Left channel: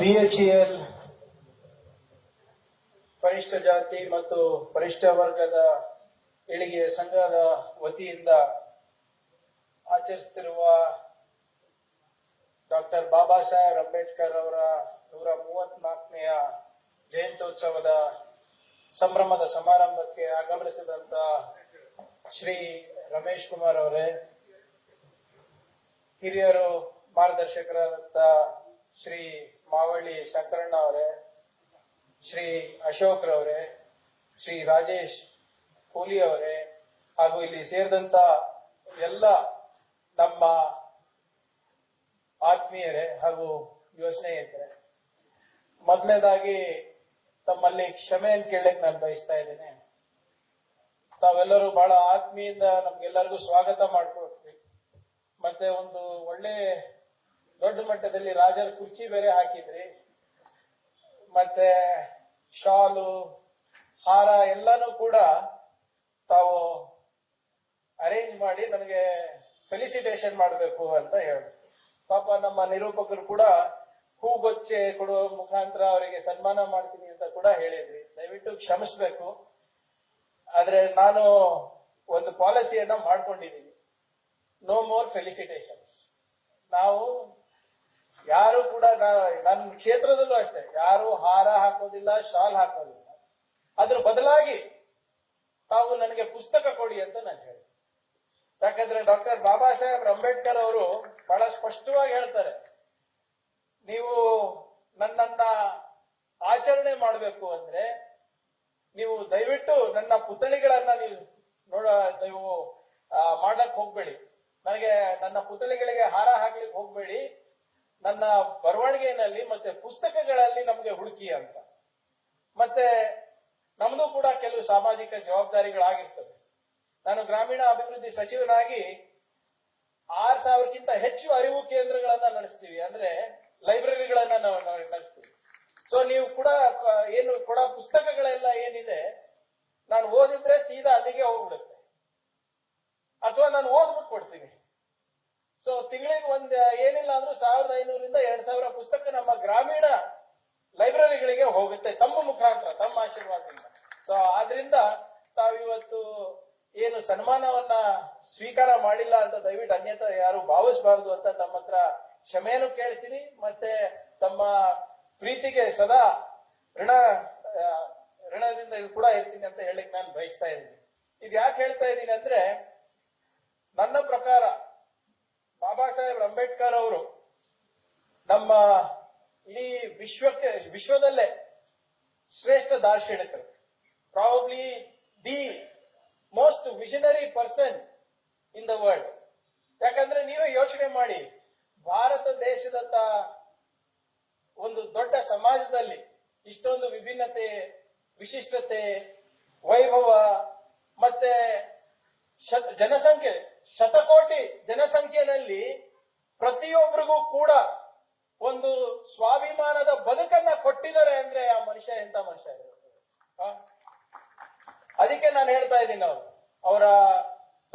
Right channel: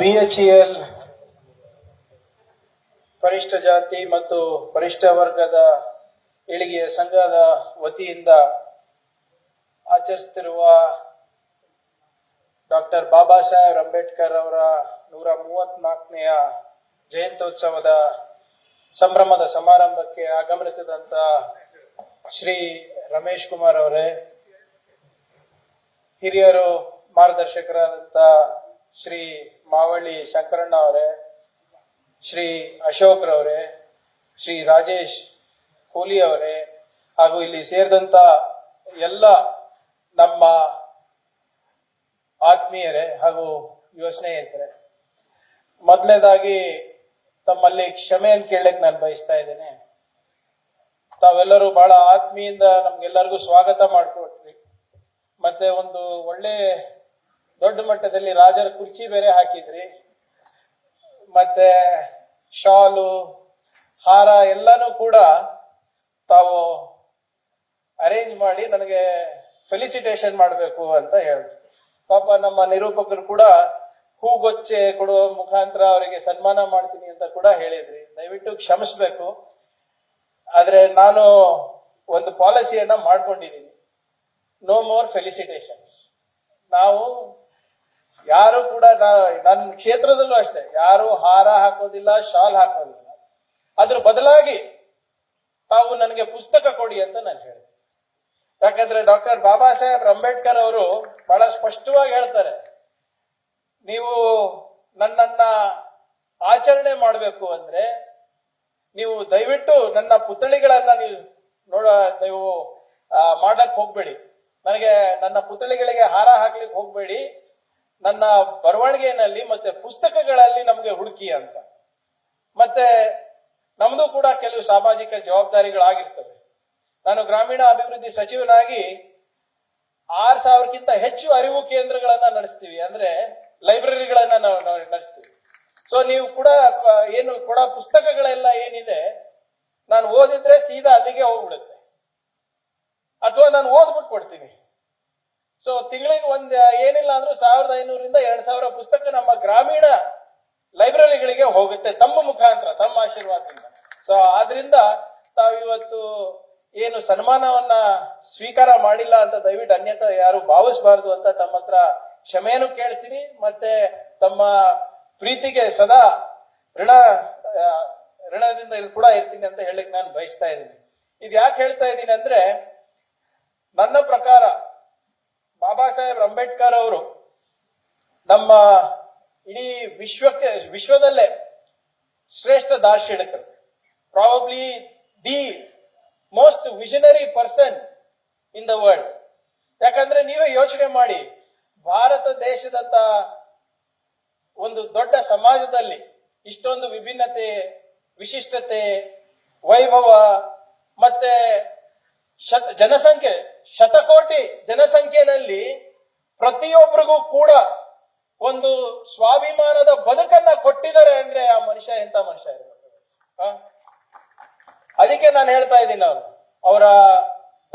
BHEL ಪರಿಷ್ಠ ಜಾತಿ ಮತ್ತು ಪರಿಷ್ಠ ವರ್ಗದ ಏಳಿಗೆಯ ಸಂಘದ ವತಿಯಿಂದ ಆಚರಿಸುತ್ತಿರುವ ಡಾಕ್ಟರ್ ಬಾಬಾ ಸಾಹೇಬ್ ಅಂಬೇಡ್ಕರ್ ಅವರ 134ನೆಯ ಜಯಂತ್ಯೋತ್ಸವದ ಸಂಭ್ರಮದ ಸಮಾರಂಭಕ್ಕೆ ಆಗಮಿಸಿದಂತ ಶ್ರೀ ರಮೇಶ್ ಕುಮಾರ್ ಅವರೇ, ಹಿರಿಯರು ಮಾರ್ಗದರ್ಶಕರಾದಂತ ಶ್ರೀ ಮಾವಳ್ಳಿ ಶಂಕರಣ್ಣ ಅವರೇ, ಶ್ರೀ ಅಶೋಕ್ ರವರೇ, ಶ್ರೀ ರಾಜೇಶ್ ಕೋಲಿ ಅವರೇ, ಹಾಗೂ ಇಲ್ಲಿ ಸೇರಿದಂತ ಎಲ್ಲ ನಮ್ಮ ಆತ್ಮೀಯರೇ ಹಾಗೂ ಯುವ ಸ್ನೇಹಿತರೆ, ಮೊದಲನೇದಾಗಿ ತಮ್ಮಲ್ಲಿ ಕ್ಷಮೆಯನ್ನು ಕೇಳಲಿಕ್ಕೆ ನಾನು ಬಯಸ್ತಾ ಇದ್ದೇನೆ. ತಾವೆಲ್ಲರೂ ಬಹಳ ಆತ್ಮೀಯಿಂದ ನಮ್ಗೆಲ್ಲರಿಗೂ ಸ್ವಾಗತ ಮಾಡಿಕೊಟ್ರಿ. ಮತ್ತೆ ಒಂದು ಒಳ್ಳೆ ದೊಡ್ಡ ಮಟ್ಟದಲ್ಲಿ ರಾಜರ ಕುರ್ಚಿ ಬೇರೆ ಹಾಕಿದ್ರಿ. ಮತ್ತೆ ಶಾಲು, ಹಾರ ಎಲ್ಲಾನು ಕೂಡ ತಾವು ಅರೇಂಜ್ ಮಾಡಿ ನನಗೆ ಫೆಲಿಸಿಟೇಷನ್ ಮಾಡಬೇಕು ಅಂತ ಹೇಳಿದ್ರು. ಪಾಪ ನಮ್ಮ ನಿರೂಪಕರು ಕೂಡ ಹೂಗೊಚ್ಚೆ ಕೊಡುವ ಮುಖಾಂತರ ಅವರಿಗೆ ಸನ್ಮಾನ ಮಾಡ್ತೀನಿ ಅಂತ ಕೂಡ ಹೇಳಿದ್ರಿ. ದಯವಿಟ್ಟು ಕ್ಷಮಿಸ್ಬೇಕು. ಆದ್ರೆ ನಾನು ಒಂದು ಪಾಲಿಸಿಯನ್ನ ಮಾಡ್ಕೊಂಡಿದ್ದೀನಿ, ನೋ ಮೋರ್ ಫೆಲಿಸಿಟೇಷನ್ಸ್. ನಾವು ಯಾರು ಕೂಡ ನನ್ನ ಕ್ಷೇತ್ರದಲ್ಲೂ ಅಷ್ಟೇ ಯಾರು ಹಾರ ಹಾಕೋದಿಲ್ಲ, ಶಾಲ್ ಹಾಕೋದಿಲ್ಲ. ಅದ್ರ ಬದಲಾಗಿ ತಾವು ನನಗೆ ಪುಸ್ತಕ ಕೊಡಿ ಅಂತ ನಾನು ಹೇಳಿದೆ. ಯಾಕಂದ್ರೆ ಡಾಕ್ಟರ್ ಬಾಬಾ ಸಾಹೇಬ್ ಅಂಬೇಡ್ಕರ್ ಅವರು ಬಹಳ ಸ್ಪಷ್ಟವಾಗಿ ಹೇಳ್ತಾರೆ, ನೀವು ನನ್ನನ್ನ ಆಚರಣೆ ಮಾಡಬೇಕು ಅಂದ್ರೆ ನೀವು ದಯವಿಟ್ಟು ನನ್ನ ಪುತ್ಥಳಿಗಳನ್ನ ನೀವು ಮಾಡಕ್ ಹೋಗ್ಬೇಡಿ. ನನಗೆ ನನ್ನ ಪುತ್ಥಳಿಗಳಿಗೆ ಹಾರ ಹಾಕ್ಲಿಕ್ಕೆ ಹೋಗ್ಬೇಡಿ. ನನ್ನ ಬರವಣಿಗೆಯಲ್ಲಿ ಮತ್ತೆ ಪುಸ್ತಕಗಳಲ್ಲಿ ನಮಗೆ ಹುಡುಕಿ ಅಂತ. ಮತ್ತೆ ನಮ್ದು ಕೂಡ ಕೆಲವು ಸಾಮಾಜಿಕ ಜವಾಬ್ದಾರಿಗಳಾಗಿರ್ತವೆ. ನಾನು ಗ್ರಾಮೀಣ ಅಭಿವೃದ್ಧಿ ಸಚಿವನಾಗಿ 6,000ಕ್ಕಿಂತ ಹೆಚ್ಚು ಅರಿವು ಕೇಂದ್ರಗಳನ್ನ ನಡೆಸ್ತೀವಿ, ಅಂದ್ರೆ ಲೈಬ್ರರಿಗಳನ್ನ ನಾವು ನಡೆಸ್ತೀವಿ. ಸೊ ನೀವು ಕೂಡ ಏನು ಕೂಡ ಪುಸ್ತಕಗಳೆಲ್ಲ ಏನಿದೆ, ನಾನು ಓದಿದ್ರೆ ಸೀದಾ ಅಲ್ಲಿಗೆ ಹೋಗ್ಬಿಡುತ್ತೆ, ಅಥವಾ ನಾನು ಓದ್ಬಿಟ್ಟು ಕೊಡ್ತೀನಿ. ಸೊ ತಿಂಗಳಿಗೆ ಏನಿಲ್ಲ ಅಂದ್ರೂ 1,500ರಿಂದ 2,000 ಪುಸ್ತಕ ನಮ್ಮ ಗ್ರಾಮೀಣ ಲೈಬ್ರರಿಗಳಿಗೆ ಹೋಗುತ್ತೆ ತಮ್ಮ ಮುಖಾಂತರ, ತಮ್ಮ ಆಶೀರ್ವಾದದಿಂದ. ಸೊ ಆದ್ರಿಂದ ತಾವಿವತ್ತು ಏನು ಸನ್ಮಾನವನ್ನ ಸ್ವೀಕಾರ ಮಾಡಿಲ್ಲ ಅಂತ ದಯವಿಟ್ಟು ಅನ್ಯತಾ ಯಾರು ಭಾವಿಸಬಾರದು ಅಂತ ತಮ್ಮ ಹತ್ರ ಕ್ಷಮೆಯನ್ನು ಕೇಳ್ತೀನಿ. ಮತ್ತೆ ತಮ್ಮ ಪ್ರೀತಿಗೆ ಸದಾ ಋಣದಿಂದ ಕೂಡ ಇರ್ತೀನಿ ಅಂತ ಹೇಳಲಿಕ್ಕೆ ನಾನು ಬಯಸ್ತಾ ಇದ್ದೀನಿ. ಇದು ಯಾಕೆ ಹೇಳ್ತಾ ಇದ್ದೀನಿ ಅಂದ್ರೆ, ನನ್ನ ಪ್ರಕಾರ ಬಾಬಾ ಸಾಹೇಬ್ ಅಂಬೇಡ್ಕರ್ ಅವರು ನಮ್ಮ ಇಡೀ ವಿಶ್ವದಲ್ಲೇ ಶ್ರೇಷ್ಠ ದಾರ್ಶನಿಕರು, probably the most visionary person in the world. ಯಾಕಂದ್ರೆ ನೀವೇ ಯೋಚನೆ ಮಾಡಿ, ಭಾರತ ದೇಶದಂತ ಒಂದು ದೊಡ್ಡ ಸಮಾಜದಲ್ಲಿ ಇಷ್ಟೊಂದು ವಿಭಿನ್ನತೆ, ವಿಶಿಷ್ಟತೆ, ವೈಭವ, ಮತ್ತೆ ಜನಸಂಖ್ಯೆ, ಶತಕೋಟಿ ಜನಸಂಖ್ಯೆಯಲ್ಲಿ ಪ್ರತಿಯೊಬ್ಬರಿಗೂ ಕೂಡ ಒಂದು ಸ್ವಾಭಿಮಾನದ ಬದುಕನ್ನ ಕೊಟ್ಟಿದ್ದಾರೆ ಅಂದ್ರೆ ಆ ಮನುಷ್ಯ ಎಂತ ಮನುಷ್ಯ ಇರ್ಬೇಕು. ಅದಕ್ಕೆ ನಾನು ಹೇಳ್ತಾ ಇದ್ದೀನಿ, ಅವರ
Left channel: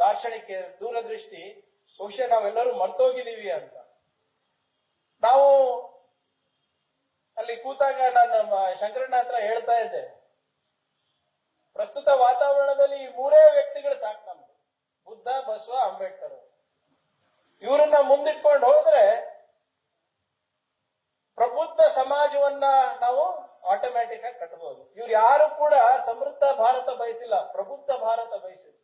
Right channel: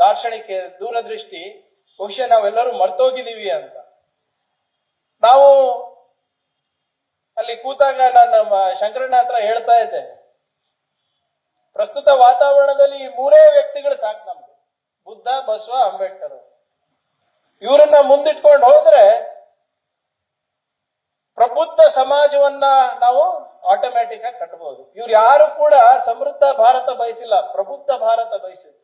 ದಾರ್ಶನಿಕ ದೂರದೃಷ್ಟಿ ಬಹುಶಃ ನಾವೆಲ್ಲರೂ ಮರ್ತೋಗಿದ್ದೀವಿ ಅಂತ. ನಾವು ಅಲ್ಲಿ ಕೂತಾಗ ನಾನು ಶಂಕರಣ್ಣ ಹತ್ರ ಹೇಳ್ತಾ ಇದ್ದೆ, ಪ್ರಸ್ತುತ ವಾತಾವರಣದಲ್ಲಿ ಈ 3 ವ್ಯಕ್ತಿಗಳು ಸಾಕು ನಮ್ಗೆ, ಬುದ್ಧ, ಬಸವ, ಅಂಬೇಡ್ಕರ್. ಇವರನ್ನ ಮುಂದಿಟ್ಕೊಂಡು ಹೋದ್ರೆ ಪ್ರಬುದ್ಧ ಸಮಾಜವನ್ನ ನಾವು ಆಟೋಮ್ಯಾಟಿಕ್ ಆಗಿ ಕಟ್ಟಬಹುದು. ಇವ್ರು ಯಾರು ಕೂಡ ಸಮೃದ್ಧ ಭಾರತ ಬಯಸಿಲ್ಲ, ಪ್ರಬುದ್ಧ ಭಾರತ ಬಯಸಿದ್ರು.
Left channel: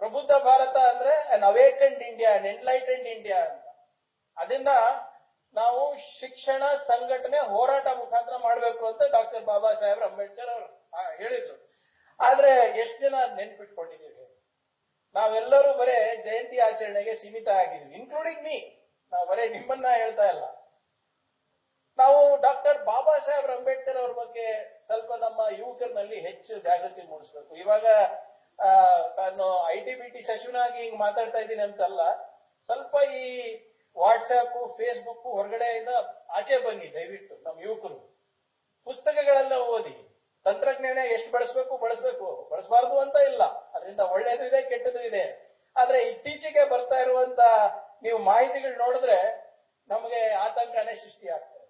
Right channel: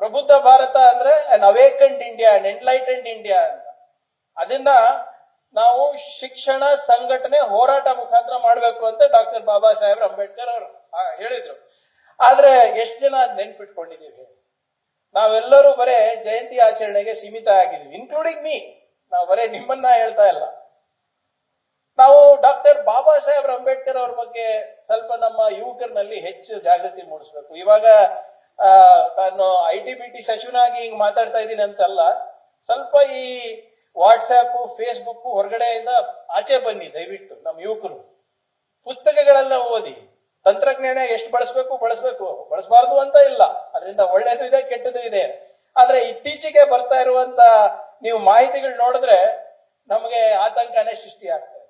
ಪ್ರಬುದ್ಧ ಭಾರತ ಅಂದ್ರೆ ಅನ್ ಅವೇಕೆಂಡ್ ಇಂಡಿಯಾ, ಅನ್ ಎನ್ಲೈಟೆಂಡ್ ಇಂಡಿಯಾ ಅಂತ. ಅದನ್ನ ನಾವು ಶಿಕ್ಷಣ, ಸಂಘಟನೆ, ಹೋರಾಟ ಮುಖಾಂತರ ಮಾಡಬೇಕು ಅಂತ ಡಾಕ್ಟರ್ ಬಾಬಾ ಸಾಹೇಬ್ ಅಂಬೇಡ್ಕರ್ ಅವರು ಹೇಳಿದ್ರು. ಆದ್ರೆ ಎಷ್ಟು ಜನ ನೆನ್ಪಿಟ್ಕೊಂಡಿದ್ದೀವಿ? ನಾವೆಲ್ಲರೂ ಬರೇ ಜಯಂತಿ ಆಚರಣೆಗೆ ಸೀಮಿತ ಆಗಿದ್ವಿ, ಇನ್ಕ್ಲೂಡಿಂಗ್ ಮೀ. ನಾವು ಬರೇ ನಿಮ್ಮನ್ನ ಹೇಳ್ತಾ ಇಲ್ಲ. ನಾವು ಡಾಕ್ಟರ್ ಬಾಬಾ ಸಾಹೇಬ್ ಅಂಬೇಡ್ಕರ್ ಅವ್ರ ಬಗ್ಗೆ ಸ್ವಲ್ಪ ನಮ್ಮ ಯುವಕರಲ್ಲಿ ಹೆಚ್ಚು ಜಾಗೃತಿ ಮೂಡಿಸ್ಬೇಕು. ಇವಾಗ ನಾನು ITBT ಸಚಿವನಾಗಿ ಹಿಂಗ್ ಮಾತಾಡ್ತಾ ಇದ್ದೀನಿ ಅಂತಲ್ಲ, ಸ್ವಲ್ಪ ಈ ವಾಟ್ಸ್ಆಪ್, ಫೇಸ್ಬುಕ್ ಹೊರಗಡೆಯಿಂದ ಆಚೆ ಬನ್ನಿ ದಯವಿಟ್ಟು. ನಮ್ಮ ಯುವಕರು ಪುಸ್ತಕಗಳೆಲ್ಲ ಓದಿ. ತಂತ್ರಜ್ಞಾನ ಎಷ್ಟು ಬಳಸಬೇಕು, ಬಳಸಬಾರ್ದು ಅಂತ ಇಲ್ಲ, ಅದರಿಂದ ಒಳ್ಳೇದು ಇದೆ, ಕೆಟ್ಟದ್ದು ಇದೆ. ಆದ್ರೆ ಇತ್ತೀಚೆಗೆ ಬರ್ತಾ ಇರುವಂತ ನೀವು ಮಾಹಿತಿಗಳು ನೋಡಿದ್ರೆ ನಮಗೆ ಆತಂಕನೇ ಸೃಷ್ಟಿ ಆಗ್ತದೆ.